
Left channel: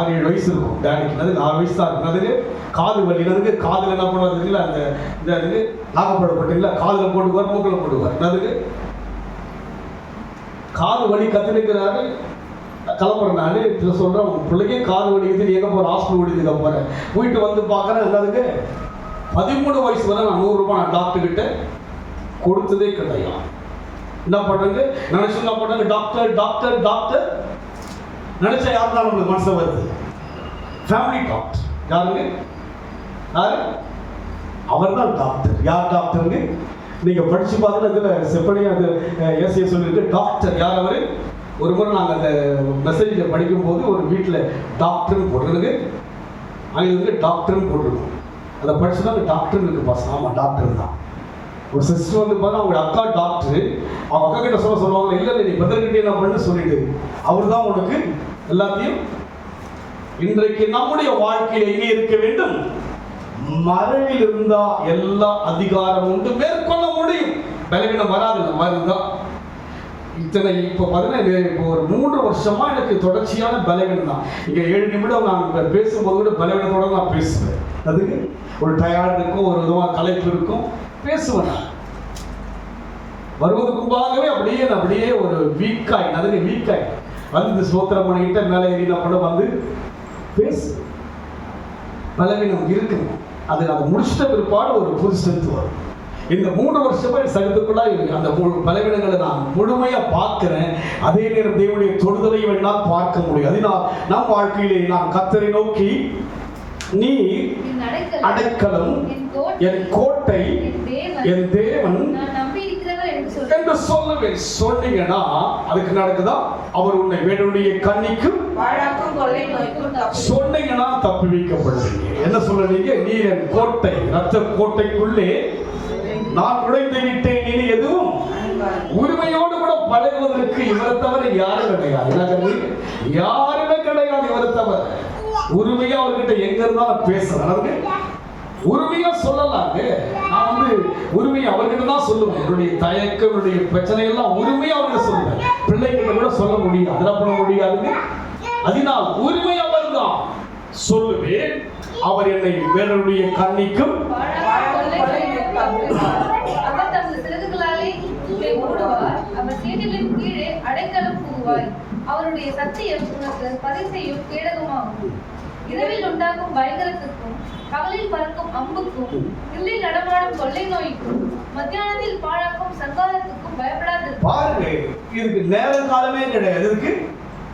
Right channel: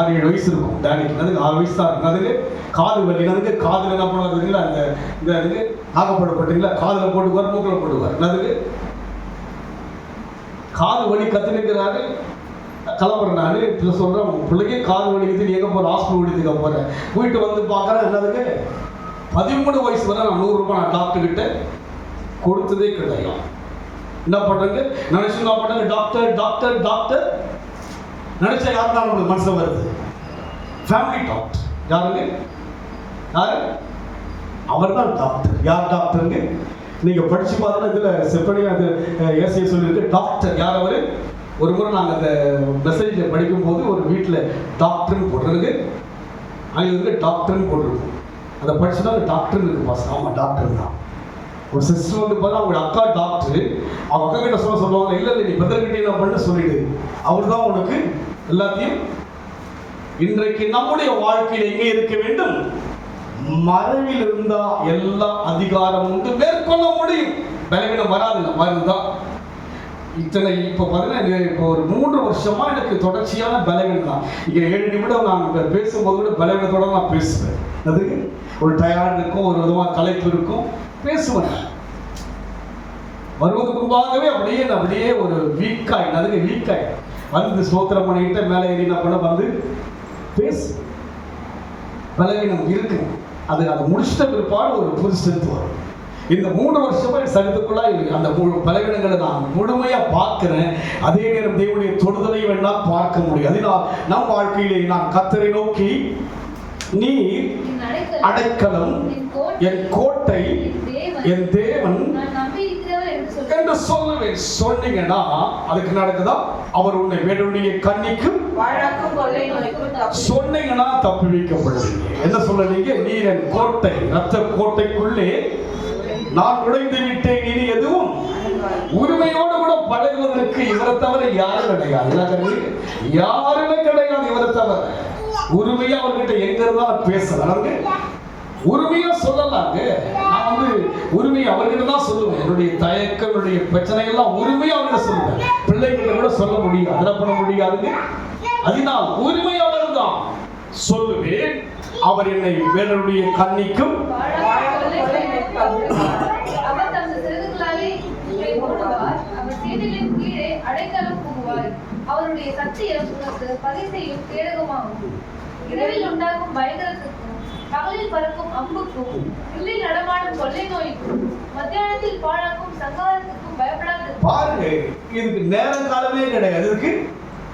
6-7 வயசு இருக்கும். டேனிக்கு 6 வயசு தான் இருக்கும். அதுக்கு காது வலி, அதுக்கு காதில் என்ன பண்ணுவாருங்களா, அந்த இதுக்கு நாகப்படப்பட்டீங்களா, காதில் போட்டுக்குவார், மூக்கில் போட்டுக்குவார். அதுக்கு காது வலி கற்றுக்கிறாரு. கிளம்புறேன் நான் இதில் சொல்கிறேன், உங்கள் பிள்ளைக்கே காது வலிக்குது, எங்கே போகிற ஹாஸ்பிட்டல் ஓடிதுக்க போகிறேன். போயிட்டு வந்து பார்க்குறேன். என்னதுக்கு 13 வயசு வரை நான் 100 ரூபாய் நான் டாக்டர்கிட்ட கொடுத்ததே கிடையாது. என்ன பண்ணுறது நினச்சி என்ன பண்ணுறது, டாக்டர் டாக்டர் டாக்டர் நினைச்சா யார் தான் நம்மளுக்கு மனசு வருது? Family doctor. யாருங்க? யாரு? அவர் தான் டாக்டர். யார் டாக்டருங்க? நீங்க படிச்சு பார்த்தா இதுல செப்படி அது ஏசிய சொல்லியிருக்கு. டாக்டர் யார் அவரு? ஒரு முறை நாங்கள் அந்த மெசேஜ்ல படிக்கும் போது ஒரு வீட்டில் டாக்டர்னு போடுறது, அங்கே வந்து டாக்டர்னு போட்டுருக்கோம். அதை படிச்சுன்னா டாக்டர்னு இருக்கு பாஸ். ஆமாம், டாக்டர் தான். ஒரு சிஸ்டர் வந்து பார்த்தா அவங்க அக்கா டாக்டர். அவங்க அக்கா கிட்ட சொல்லுவாங்க, இல்லை நீ பிரதர்கிட்ட என்ன பண்ணு சொல்லிடு, அவர் தான் உனக்கு எல்லாத்தையும். இன்றைக்கு நம்முடைய வாழ்க்கையில் எங்கே இருக்க வேண்டும்? மறைவில் இருந்தா எல்லா அதிகாரம் உண்டு, மேற்கொள்ள முடியும். பலவீனம் வராது, வருதான். இத்தனை இப்போ பார்த்தீங்கன்னா இப்போ ஒரு 3 வருஷமா எனக்கு தொடர்ச்சியான பலவீனம் தான். இங்கே 7 நிமிடம் நான் பேசும்போது கூட பலவீனத்தோட நான் பேசுவேன். அதுக்கு ஒரு டயர்டு இருக்கும், ஒரு விதமாக களைப்பு இருக்கும், பேசுவேன். வருவதற்குள்ளாகவே அப்படியே ஒரு வீக்காய், அதுக்கு வீக்காய் வந்து ஸ்தோத்திரம் பண்ணிக்கிட்ட மேலே ஏறி என்ன பண்ண வந்து பேசு. பலவீனம் இருக்கு. அது முடிச்சிட்ட பிற்பாடு ஒரு புது ஸ்ட்ரென்த் வரும். இந்த 3 வருஷமா சகத்துக்குள்ளா அந்த பலவீனங்களை நான் முழுமையா பார்க்கிறேன். அதே நேரம் தேவனுடைய தொடுதலை வேண்டாம் பார்க்க முடியும். அதனால் நம் வாழ்க்கையிலே நான் கர்த்தரை நோக்கி, நீ அடைக்கலம், என் கோட்டை, என் தேவன் என்று சொல்லுவேன். சொன்னீங்கன்னா அதுக்கு நடக்குதா? அவர் உன்னை வேடனுடைய கண்ணிக்கும் சொன்னீங்கன்னா தப்பி வைக்கப்படுவீங்க. என்ன சொல்றீங்க? நீ என் கோட்டை, ரத்த கோட்டைக்குள்ளே நான் நுழைந்து விட்டேன். இனி எதுவும் உரிமையோடு கூட பழகுவதற்கு இவரை தவிர யாரும் கிடையாது. யாருமே கிடையாது இவரை தவிர. உரிமையா அவர்கிட்ட எங்க இருந்தாலும் பேசுறாங்க, உரிமையா சொல்லலாங்க. நான் உரிமையை அவர்கிட்ட தான் சொல்லுவேன். என்னுடைய தயக்கம், என்னுடைய பிரச்சனை எல்லாம் உரிமையா அவர்கிட்ட சொல்லுவேன். பிள்ளைகிட்ட கூட சொல்ல முடியாது, அதெல்லாம் பண்ண முடியாதுங்க. அதனால் உரிமை அவர் தான் சொல்லுவேன். அவர் என்னை வேறனுடைய கண்ணிக்கும் அவருடைய சத்தியம் உனக்கு பரிசையும் கேடகமாகும். இரவில் உண்டாகும் பயங்கரத்துக்கும், பகலில் பறக்கும் அம்புக்கும், இருளில் நடமாடும் கொள்ளை நோய்க்கும், மத்தியானத்தில் பாழாக்கும் சங்காரத்துக்கும் பயப்படாது. பாருங்க, இதுக்கு நேரம் காலமே கிடையாது. இதுக்கு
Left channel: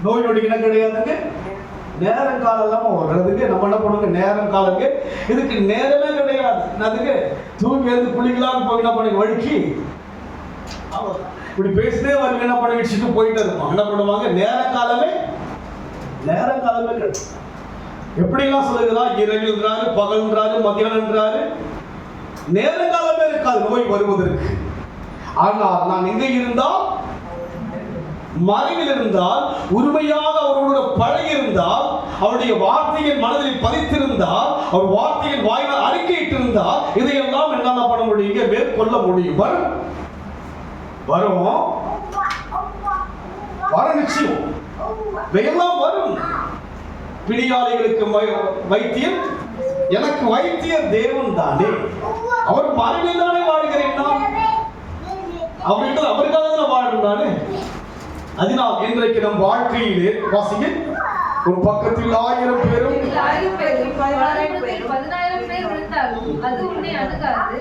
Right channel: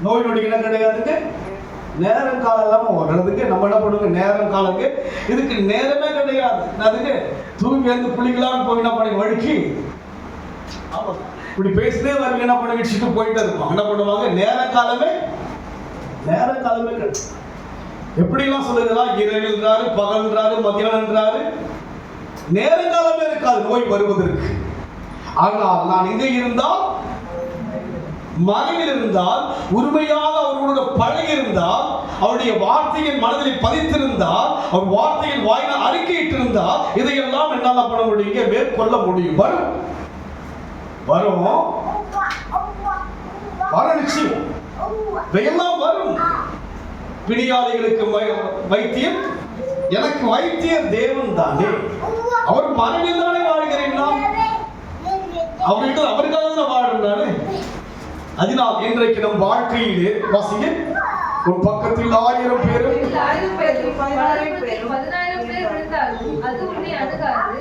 நோய் நொடிகளும் கிடையாதுங்க. நேரம் காலம் இல்லாம வர்றதுக்கு நம்ம என்ன பண்ணுங்க? நேரம் காலங்க. இதுக்கு நேரமே கிடையாது. அதுக்கு தூங்கி எழுந்து குளிக்கலாம் போய் என்ன பண்ணி வழுக்கி இப்படி பேசிட்டே வந்து என்ன பண்ணி வச்சுட்டு போயிட்டு இருப்பாங்க. என்ன பண்ணுவாங்க? நேரம் காலமே கிடையாது. எப்படிலாம் சொல்லுறதா? இரவில்ன்றாரு, பகல்ன்றாரு, மத்தியானம்ன்றாரு. நேரங்காலமே இருக்காது நோய் வருவதற்கு. ஆனால் நான் இங்கே இருந்தால், மறைவில் இருந்தால், உரிமையாக அவர்களோட பழகி இருந்தால், அவருடைய வார்த்தையின் மனதில் பதித்திருந்தால், அவர் வார்த்தையின் வாயினால் அறிக்கையிட்டு இருந்தால், இதையெல்லாம் என்னால பண்ண முடியும், மேற்கொள்ள முடியும். வரும் நிச்சயம் இதையெல்லாம் வரும். பிணியாளிகளுக்கு வைத்தியம், எனக்கு வைத்தியர் தேவன் தானே. அவர் மறைவில் தானே வாழ்கிறேன். அவருக்காக தான் வாழ்ந்தானே. அதனால் இன்றைக்கு நம் வாழ்க்கையிலே வாசிங்க, ஒரு பக்கத்தில் 1000 பேரும் 10,000 பேர் இருந்தாலும் அது உன்னை அணுகாது.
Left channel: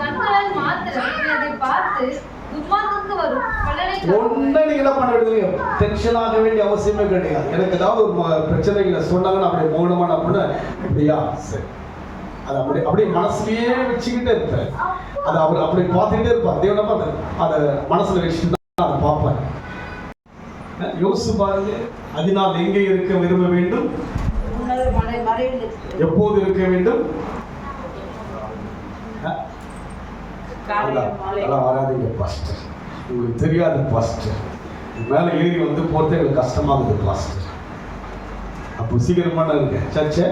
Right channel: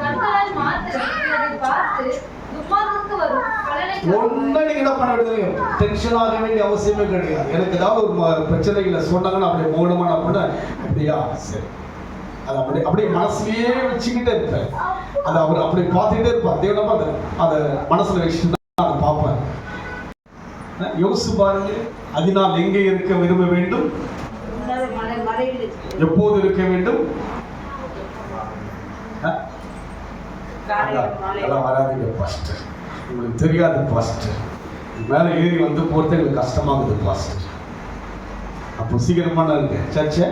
கண்களால் மாத்திரம் நீ அதை பார்த்து துன்மார்க்கத்துக்கு வரும் பலனை ஒண்ணு நீங்க என்ன பண்ண வேண்டியது? டென்ஷன் ஆக வேண்டிய அவசியமே கிடையாது. எனக்கு ஏதாவது ஒரு பிரச்சனைகளை சொன்னாங்கன்னா அப்படியே மௌனமான அப்படின்னு அப்படியா சரி, அது அப்படியே மனசுலயே வச்சுக்கிட்டே இருப்பேன். அதை அவர் அப்படி பார்த்துக்கிட்டே இருப்பார். தேவனை பார்த்து அதை மனசுல வச்சுட்டு தான் அதை பார்ப்பேன். யோசிச்சு பாருங்க. அதனால் எங்கே இருக்க விரும்ப வேண்டும்? எப்போது இருக்க வேண்டும்? அதெல்லாம் வராதுங்க பாஸ்டர், உங்களுக்கு தெரியாது பாஸ்டர். மேலே ஏறி வந்து போகிறது எங்களுக்கு கஷ்டமாகுது பாஸ்டர். அப்போ சீக்கிரமா இருக்கு சர்ச்சை.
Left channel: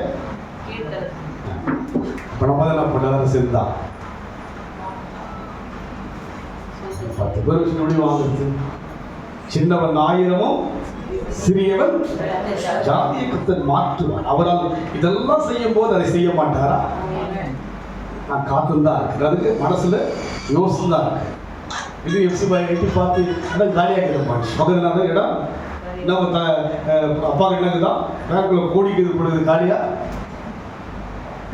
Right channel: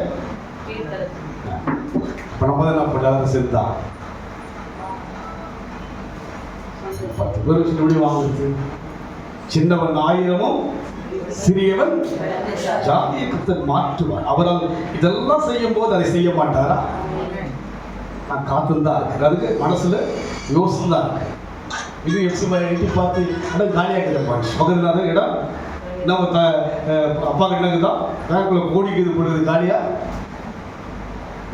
இப்போ நம்ம தான் என்ன பண்ணாத சேர்ந்தா 10 பேர் வச்சு எப்படி வாங்குறது? சின்னவன் 1000 சிறியவன் ஜாதியை கர்த்தர் மாற்றுவார். அவரால் இதெல்லாம் செய்யும் போது அதை செய்ய மாட்டாரா? நான் காத்துதான் இருக்கு. அதுக்கு மனசுல யோசனை தான் இருக்கு. இது எட்டி பார்த்து ஆனால் காலியாக கிடப்பாங்க. பக்கத்துல இடம் நம்ம அப்பா கிட்டக்குதான் பேங்க்ல கோடிக்குது பொழுது காலியா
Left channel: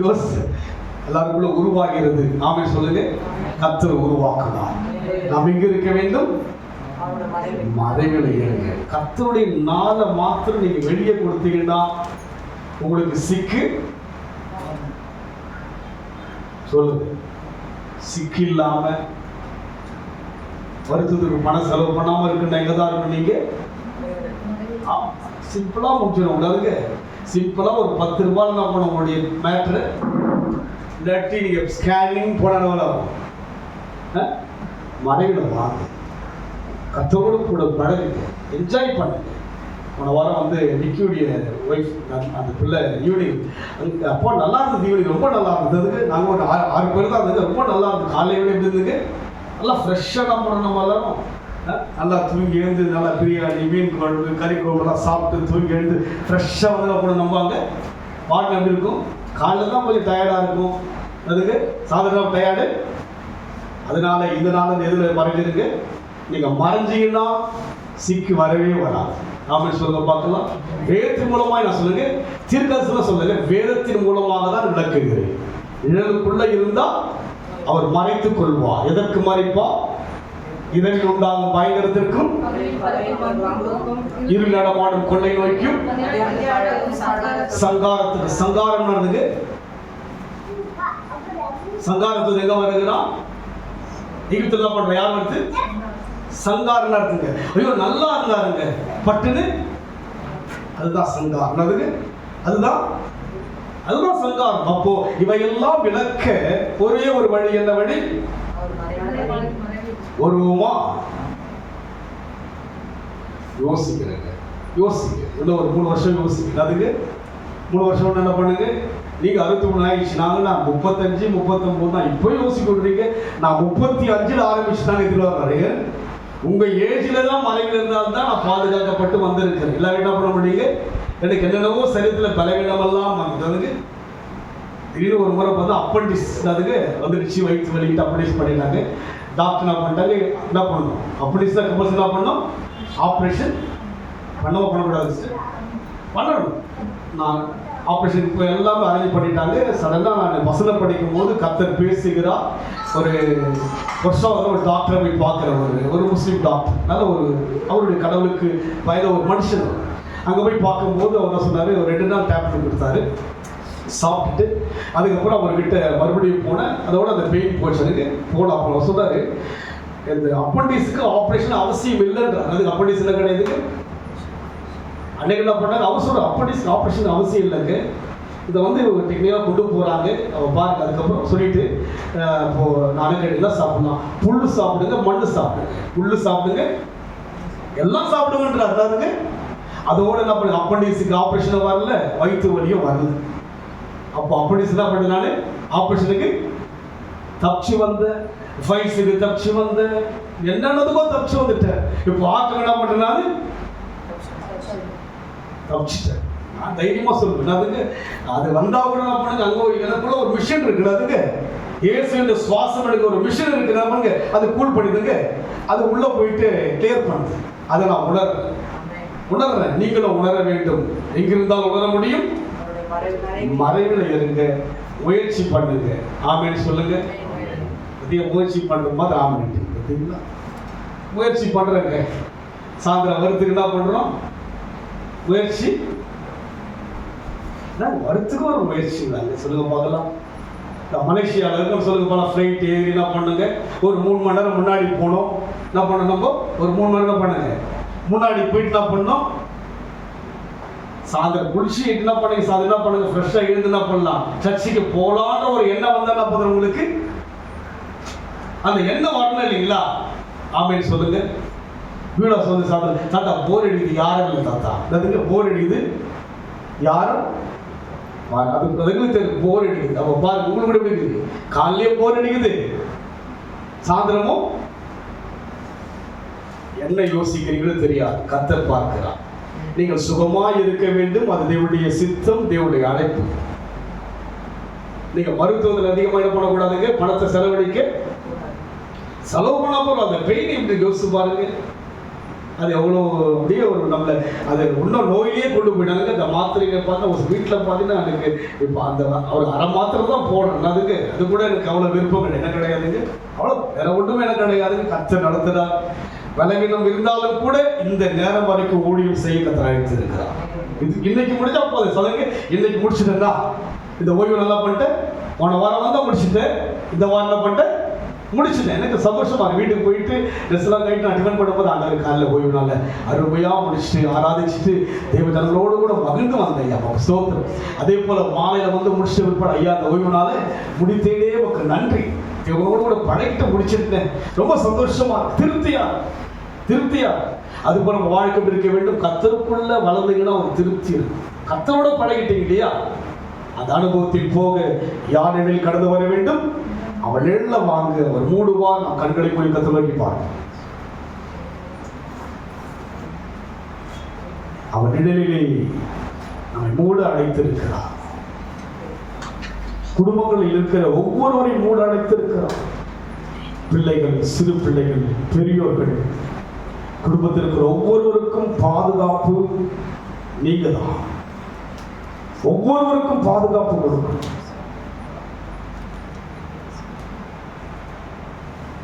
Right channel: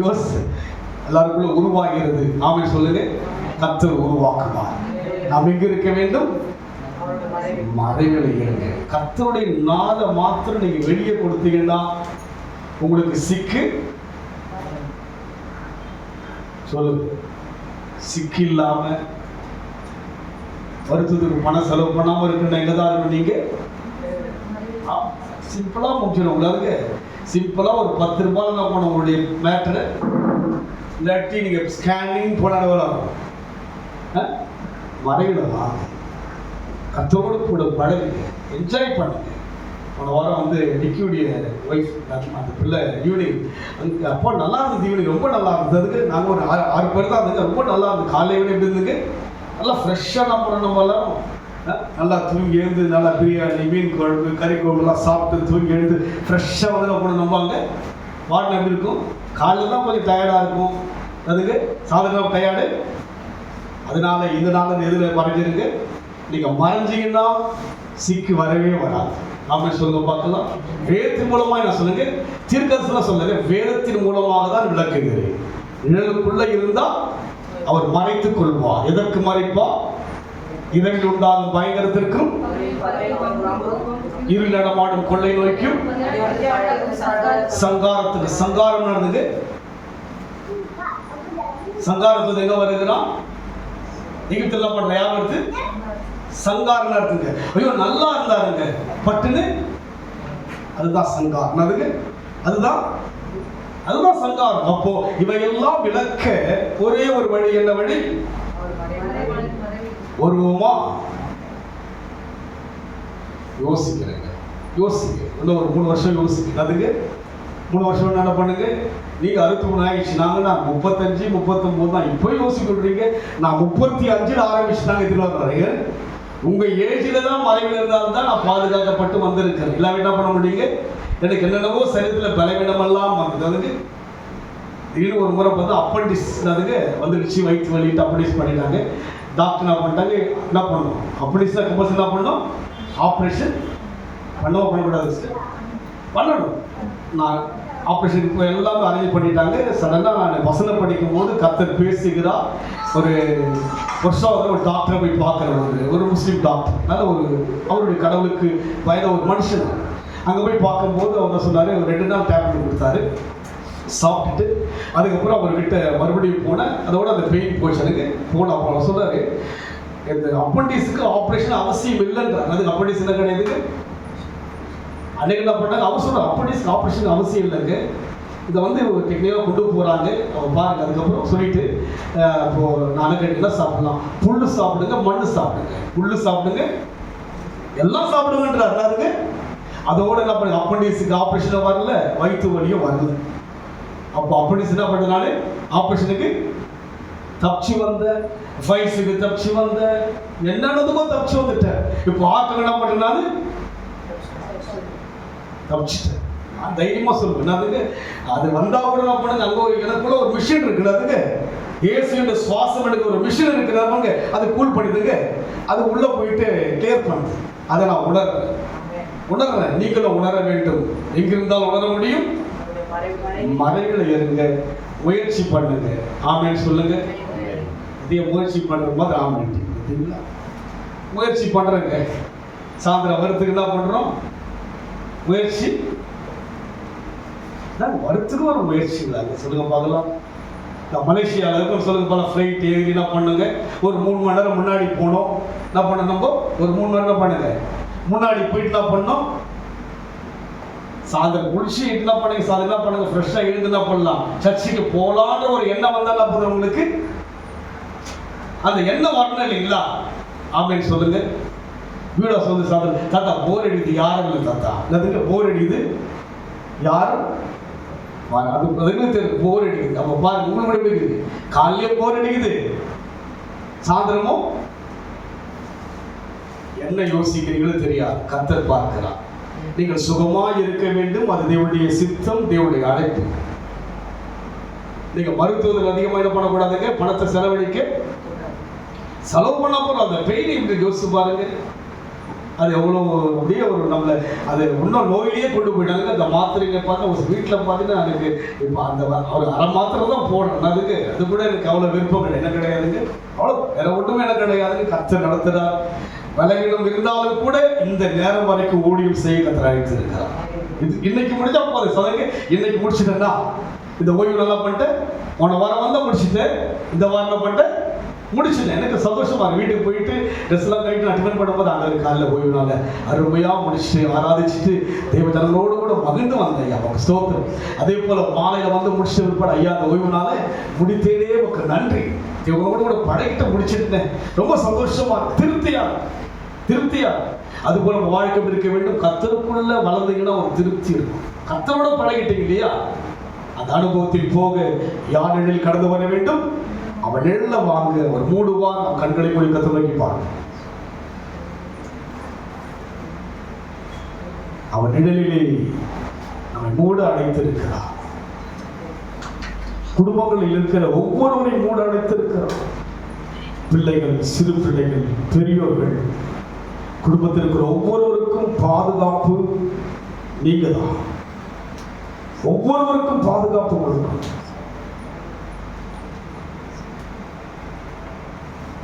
யோசி எல்லாருக்குள்ள உருவாகிறது. நாமே சொல்லுங்க, கர்த்தர் உருவாக்குவார். நாம் எங்க இருக்க வேண்டும்? மறைவில் இருங்க. கர்த்தருடைய நாளை மாத்திரம் நீங்க வெளியே கொடுத்தீங்கன்னா உங்களுக்கு சிக்கு சொல்லுங்க. சிக்கு இல்லாம வருத்தத்துக்கு பணம் செலவு பண்ணாம இருக்குன்னா எங்கதான் இருக்கும்? நீங்க சிம்பிளா முடிச்சிடும். உங்களுக்கு சிம்பிளா ஒரு 10 ரூபாய் என்ன பண்ண உங்களுடைய மேட்ரு இல்லாட்டி நீங்க ஸ்கேனிங் போனாலும் மறைவில் வாங்க. கத்தோடு கூட பழகுங்க, என்ஜாய் பண்ணுங்க. போன வாரம் வந்து நிக்கியுடைய ஒய்ஃப் அந்த பிள்ளை ஈவினிங் அப்போ நல்லா இருந்தது. ஈவினிங் ரொம்ப நல்லா இருந்தது. நாங்கள் ஒரு 6 பேர் தான் இருந்தது. ரொம்ப நல்லா இருந்தது. காலையில் எப்படி இருந்ததுங்க? நல்லா ஃப்ரெஷ்ஷாக நம்ம பண்ணணும். எல்லாரும் நல்லா தூங்கி எழுந்து நல்லா பிரியாணி, மீன் குழம்பு, கறி குழம்புலாம் சாப்பிட்டு தூங்கி எழுந்து ஃப்ரெஷ்ஷாக வந்து அப்போ நம்பாங்க. வாரம் எப்படி இருக்கும்? காலையில் தான் கொஞ்சம் டயர்டாக இருக்கும். அதுக்கு சாயந்தரம் டயர்டு. அதனால இந்த நாள் எதில் மறைஞ்சிருக்கு. நீங்கள் மறைஞ்சிங்கன்னா சிக்கு வரவே வராது. அப்படின்னு சொல்லுங்க பார்க்கலாம். வேதத்தின் மூலமாக நான் சொல்லுங்க, தீர்க்கதரிசனம் சொல்லுங்க, வேதத்தின் மூலமாக தான் விளக்குகிறேன். நிழலுக்குள்ள இருந்தா அவர் மறைத்துக் கொள்வார். எதற்கு மறைப்பா? இரவில் உண்டாகும் பயங்கரத்திற்கும் இருள் நடமாடும் கொள்ளை நோய்க்கும் சங்காரத்துக்கு. சங்காரம் நடந்தது. சங்காரத்துக்கு எங்க வருதுன்னா எகிப்துல பண்ற யார் வருது? சங்காரம் நடத்துங்க. ஐயோ நல்லா இருந்தாருங்க பட்டுன்னு, அதுதான் சங்காரம். அதுதான் சங்காரம். அப்போ இவையெல்லாம் விளக்க ஒரே ஒரு வழி. என்ன வழி? ஒருவமா யோசிக்கிறேங்க. இன்னும் ஒரு 3 வருஷம் யோசிக்கிறேன். அதுக்கு 3 வருஷம் என்ன பண்ணுங்க? நீங்க 63 ஆயிடுச்சு, நாங்க 35 39 தான் இப்போ யோசிக்கிறீங்க. நான் 35 ஆரம்பிச்சுட்டாங்க. இதுல நிறைய உங்க ஏஜ்ல தான் மறைவில் இருந்தால்தான் நான் பாதுகாக்கப்பட்டு வந்திருக்கிறேன். இல்லாம என்ன பண்ண முடியுங்க? எனக்கு என்னென்னவோ சரீரத்தில் பலவீனமெல்லாம் வந்துட்டு திடீர்னு ஒரு முறை பார்த்து அப்பண்டிஸ் அதுக்கு வந்துடுச்சு, வயிற்று வலிட்டு அப்பண்டிஸ் பண்ணிட்டாங்க. டாக்டர் என்ன பண்ணிட்டாங்க, என்ன பண்ணணும்? அப்பண்டிஸ் தான் கம்பல்சரி என்ன பண்ணணும்? ஆப்ரேஷன் பண்ணக்கூடாது, பண்ணணும். நான் ஆப்ரேஷன் இப்போ எல்லாமே அரேஞ்ச் பண்ணிட்டாங்க. சடனாக நான் வசனம் படிக்கும் போது கர்த்தர் பேசுகிறார். ஒரு வருஷம் ஒரு டாக்டரை போய் பார்க்குறேன், ஒரு முஸ்லீம் டாக்டர். அதனால் அவருடைய கடவுளுக்கு வயத ஒரு மனுஷன். அங்கே போய் பார்க்கும்போது அவர் சொன்னார், ஒரு 2 நாள் டேப்லெட் கொடுத்தாரு, சாப்பிட்டுட்டு அதுக்கப்புறம் அவர்கிட்ட மறுபடியும் போனேன். அதோட அந்த பெயின் போச்சு எனக்கு. போகலாம் அப்போ சொன்னார், இந்த அப்பண்டிஸுக்கு ஆப்ரேஷன் அவசியம் இல்லைன்றார். அதுக்கு அப்பண்டிஸ் என்ன கிடையாது. அன்னைக்கு என்ன பண்ணாங்க, அவர் சொல்ற அப்பண்டிஸ் ஆப்ரேஷன் அவசியம் இல்லைங்க, இதை வந்து டெக்னிக்காக கொண்டு போகிறாங்க. அவங்க பாருங்க. அதுக்கப்புறம் சொல்லிட்டு இப்போ நானும் கேட்டீங்கன்னா சாப்பிடலாம், புல்லு சாப்பிடுங்க, மண்ணு சாப்பிடுங்க, புல்லு சாப்பிடுங்க, எல்லாம் சாப்பிடுங்கன்றாருங்க. அதோட என்ன பண்ணுங்க, அப்பண்டிஸுக்கு ஆப்ரேஷன் வரல, வயிற்று வலியும் வரல. அப்போ அப்பண்டிஸ் என்ன பண்ண, நான் ஆப்ரேஷனுக்கு தப்பிச்சு வந்தேன், ஃபைல்ஸுக்கு தப்பிச்சு வந்தேன், என்னென்னதுக்கோ தப்பிச்சு வந்துட்டேன். இப்போ ஆக்கள் என்ன பண்ண, நான் தப்பிச்சிட்டேன். நான் தைரியமா சொல்லுவேன். அதுக்கு அது வந்தா கூட என்ன பண்ணுங்க, அங்கே எனக்குள்ள ஒரு மிஷின் இருக்குது. அதுக்கு இயேசுவின் சுவாசம் எடுக்க ஒரு மிஷின் இருக்குது. நமக்கு அது கூல் பண்ணிடுங்க, அது உள்ள போயிட்டு கிளியர் பண்ணுது. அதை நான் உணர்றேன். நீங்களும் உணர வேண்டும். எங்கிருந்தால் உணர முடியும்? மறைவில் இருங்க, முயற்சி பண்ணுங்க. ஆமேன்னு சொல்லுங்க. அதிக முயற்சி பண்ற மாதிரி ஆமேன். பார்த்தீங்களா? முயற்சி பண்றேங்க. சாயந்தரம் வரத்துக்கு என்ன பண்றோம்? முயற்சி. வரத்துக்கு ஒரு முயற்சி இல்லைங்க. சொல்லுங்க பார்க்கலாம். மலேசியாவில் இருக்கும் சொல்லுங்க பார்க்கலாம். ஃப்ளைட் ஏறி என்ன பண்ணுங்க, ஒரு 3 மணி நேரம் முன்னாடி போனோம். என்ன பண்ணணும்? நம்ம ஒரு 3 மணி நேரம் பண்ணுங்க, முன்னாடி போயிட்டு என்ன பண்ணோம், சாயந்தரம் குளிச்சு என்ன பண்ணுங்க, சாயந்தரம் என்ன பண்ணுங்க, ஃப்ரெஷ்ஷாக இருந்து என்ன பண்ணலாம், சர்ச்சுக்கு போகலான்ற ஒரு எண்ணம் வந்தா என்ன பண்ணுற, உங்களுக்கு அந்த எண்ணம் வரணும் இல்லைங்களா? ஆமேன்னு சொல்லுங்க. வீடா சொல்லுங்க. சாயந்தரம் தாத்தா போர் அடிக்குது, யாரும் இல்லை தாத்தா, அதுக்கு போர் அடிக்குது, யாரும் அதுக்கு தெரியும் போர் அடிக்குது. அப்போ பாருங்க, உங்களுக்கு கூட இருக்குது, காலையிலே போர் அடிக்குது, சாயந்தரமும் என்ன யோசிக்கிறீங்களோ தெரியாது. கர்த்தர் பார்க்கிறார். நீங்கள் சுகமாய் இருக்க வேண்டும், அது தேவனுடைய சித்தம், தேவனுடைய அழைப்பு. நீங்க மருத்துவத்தில் அதிகமாக என்ன பண்ணக்கூடாதுங்க, பணத்தை செலவு பண்ண போறோம். அந்த பெயினை இப்படி யோசிச்சு பாருங்க. அது எவ்வளோ அப்படியே ஒரு நல்ல, அது இன்னும் நோயிலேயே கொண்டு போயிட்டாங்க. அந்த மாத்திரைங்க பார்த்தா ஒரு வீட்டில் பார்த்தீங்கன்னா எனக்கு இப்போ அந்த ஒரு அரை மாத்திரை தான் போடுறேன். அதுக்கு அது கூட எனக்கு அவ்வளோ விருப்பம் என்ன கிடையாதுங்க. அவ்வளோ வேற ஒன்றும் எனக்கு கிடையாதுங்க. கர்த்தர் நடத்துகிறார். விலகினம் இருந்தாலும் கூட இந்த நேரம் வரைக்கும் ஊழியம் செய்ய கர்த்தர் அழைத்திருக்கிறார். இன்னைக்கு முடிஞ்சா போதும் சொல்லுங்க. இன்னைக்கு முடிச்சுட்டேன்னா இந்த ஓய்வு நல்லா பண்ணிட்டேன், போன வாரம் வந்தா முடிச்சுட்டேன், இந்த வாரம் பண்ணிட்டேன், முடிச்சுட்டேன். எனக்கு சந்தோஷமா வீட்டுக்கு போயிட்டு ட்ரெஸ் எல்லாம் கைட்டு அட்டன் பண்ணும்போது அந்த காலையில் ஓய்வுனால அருமையா முடிச்சுட்டு ஆராதிச்சுட்டு தேவ ஜனங்களோடு கூட மகிழ்ந்து வந்தேன். ஐயா ஸ்தோத்திரம். அதே போல மாலையில வந்து முடிச்சுட்டு விற்பட ஐயா அந்த ஓய்வுனால முடித்தேனே உங்களுக்கு நன்றி, இவங்களோட கூட படைக்கிட்டு முடிச்சிருந்தேன். ரொம்ப சந்தோஷமா திருப்தியா அது போல நம்ம வாழ்க்கை இருக்க வேண்டும். கர்த்தருக்குள்ள வளர்ந்தீங்கன்னா ஒரு திருப்தி இருக்கும். கர்த்தரோட பழகிட்டீங்க இல்லையா, அந்த அனுபவத்தில் போக யார் நிழலில் கடந்து வர வேண்டும், அவன் நிழல வாங்க. ஒரு மூடுவார், நம் கண்களை போய் கத்தோக்கி பாருங்க. அவன் நிழலிலே நம்மை மூட அடைத்திருக்கிறார். குடும்பங்களில் இருக்கிற ஒவ்வொருவரையும் மூட அடைத்திருக்கிறார். பிள்ளைகள், சிறு பிள்ளைகள், பெரியோர்கள், குடும்பத்தில் இருக்கிற ஒவ்வொருவருக்கும் பாதுகாப்பு நீங்க தான். ஒவ்வொருவருக்கும் பாதுகாப்பு கொடுக்கணும்.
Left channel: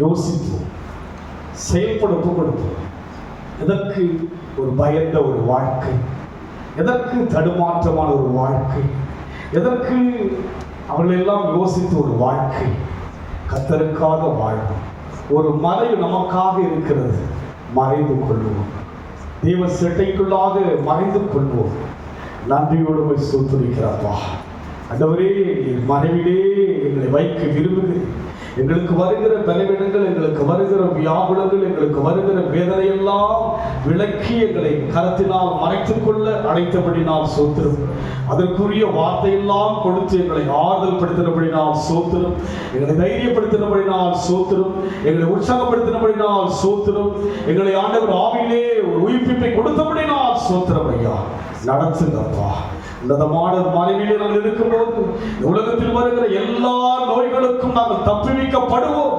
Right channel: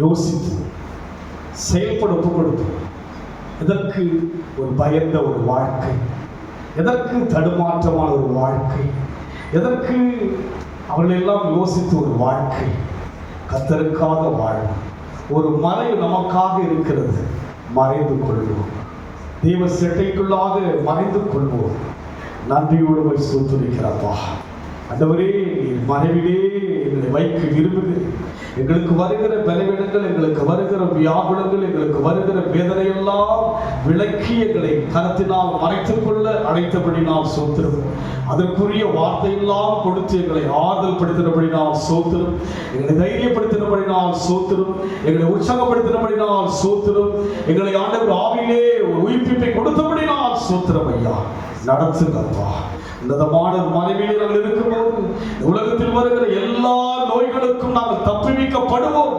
யோசித்து செயல்பட ஒப்புக்கொடுத்து, எதற்கு ஒரு பயந்த ஒரு வாழ்க்கை, எதற்கு தடுமாற்றமான ஒரு வாழ்க்கை, எதற்கு அவர்களெல்லாம் யோசித்து ஒரு வாழ்க்கை, கர்த்தருக்காக வாழும் ஒரு மறைவு நமக்காக இருக்கிறது. மறைந்து கொள்வோம், தேவ செட்டைக்குள்ளாக மறைந்து கொள்வோம். நன்றியோடு போய் ஸ்தோத்திரிக்கிறப்பா. ஆண்டவரே, மறைவிலே எங்களை வைக்க விரும்புகிறேன். எங்களுக்கு வருகிற பலவீனங்கள், எங்களுக்கு வருகிற வியாகுலங்கள், எங்களுக்கு வருகிற வேதனையெல்லாம் விலக்கி எங்களை கரத்தினால் மறைத்துக் கொள்ள அழைத்தபடி நாம் சோத்திரம். அதற்குரிய வார்த்தையெல்லாம் கொடுத்து எங்களை ஆறுதல் படுத்தினபடி நாம் சோத்திரம். எங்களை தைரியப்படுத்தினபடி நாம் சோத்திரம். எங்களை உற்சாகப்படுத்தினபடி நாம் சோத்திரம். எங்களை ஆண்டவர் ஆவியிலே ஒரு உயிர்ப்பிப்பை கொடுத்தபடி நாம் சோத்திரம். ஐயா, நடத்துங்கப்பா. உன்னதமான மனைவியிலே நாங்கள் இருக்கும்போது உலகத்தில் வருகிற எல்லா நோய்களுக்கும் நாங்கள் தப்புவிக்கப்படுவோம்.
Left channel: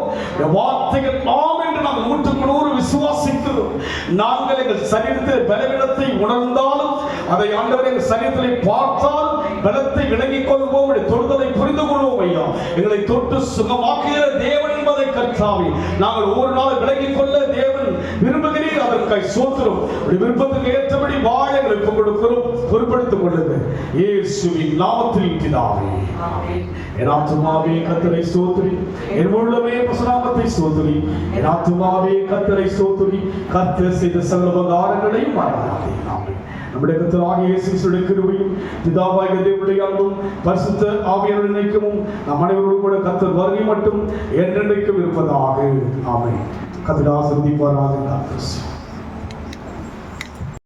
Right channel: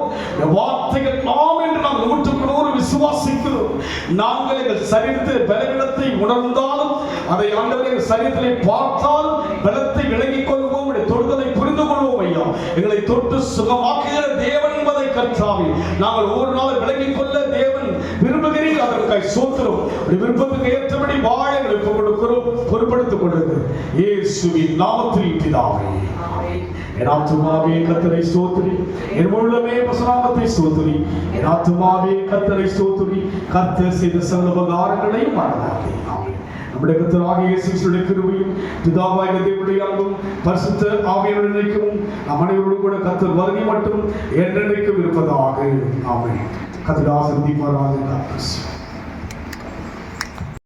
வார்த்தைகள் ஆம் என்று நாங்கள் 100% விசுவாசிக்கிறோம். நாங்கள் எங்கள் சரீரத்தில் பலவீனத்தை உணர்ந்தாலும், அதை ஆண்டவர் எங்கள் சரீரத்திலே பார்த்தாலும் பலத்தை விளங்கிக் கொள்வோம். தொடுதலை புரிந்து கொள்வோம். ஐயா, எங்களை தொட்டு சுகமாக்குகிற தேவன் என்பதை கர்த்தாவே நாங்கள் ஒவ்வொரு நாளும் விளங்கிக் கொள்ள தேவன் விரும்புகிறீர். அதற்காக சோத்திரம். விருப்பத்துக்கு ஏற்றபடி வாழ எங்களை கொடுக்கிறோம். பொறுப்படுத்திக் கொள்ளுங்கள் இயேசுவின் நாமத்தில் பிதாவே. என் ஆத்துமாவே கர்த்தரை ஸ்தோத்திரி, என் உள்ளமே பரிசுத்தத்தை ஸ்தோத்திரி. என் ஆத்துமாவே கர்த்தரை ஸ்தோத்திரி, கர்த்தர் செய்த சகல உபகாரங்களை மறவாதே. ஆமென். நம்முடைய கர்த்தராகிய இயேசு கிறிஸ்துவின் கிருபையும் பிதாவாகிய தேவனுடைய அன்பும் பரிசுத்த ஆவியானவரின் ஐக்கியமும் நம் அனைவரோடும் கூட கர்த்தர் வருகை மட்டும் என்றென்றைக்கும் இருப்பதாக. ஆமென். கர்த்தர் ஆசீர்வதிப்பாராக.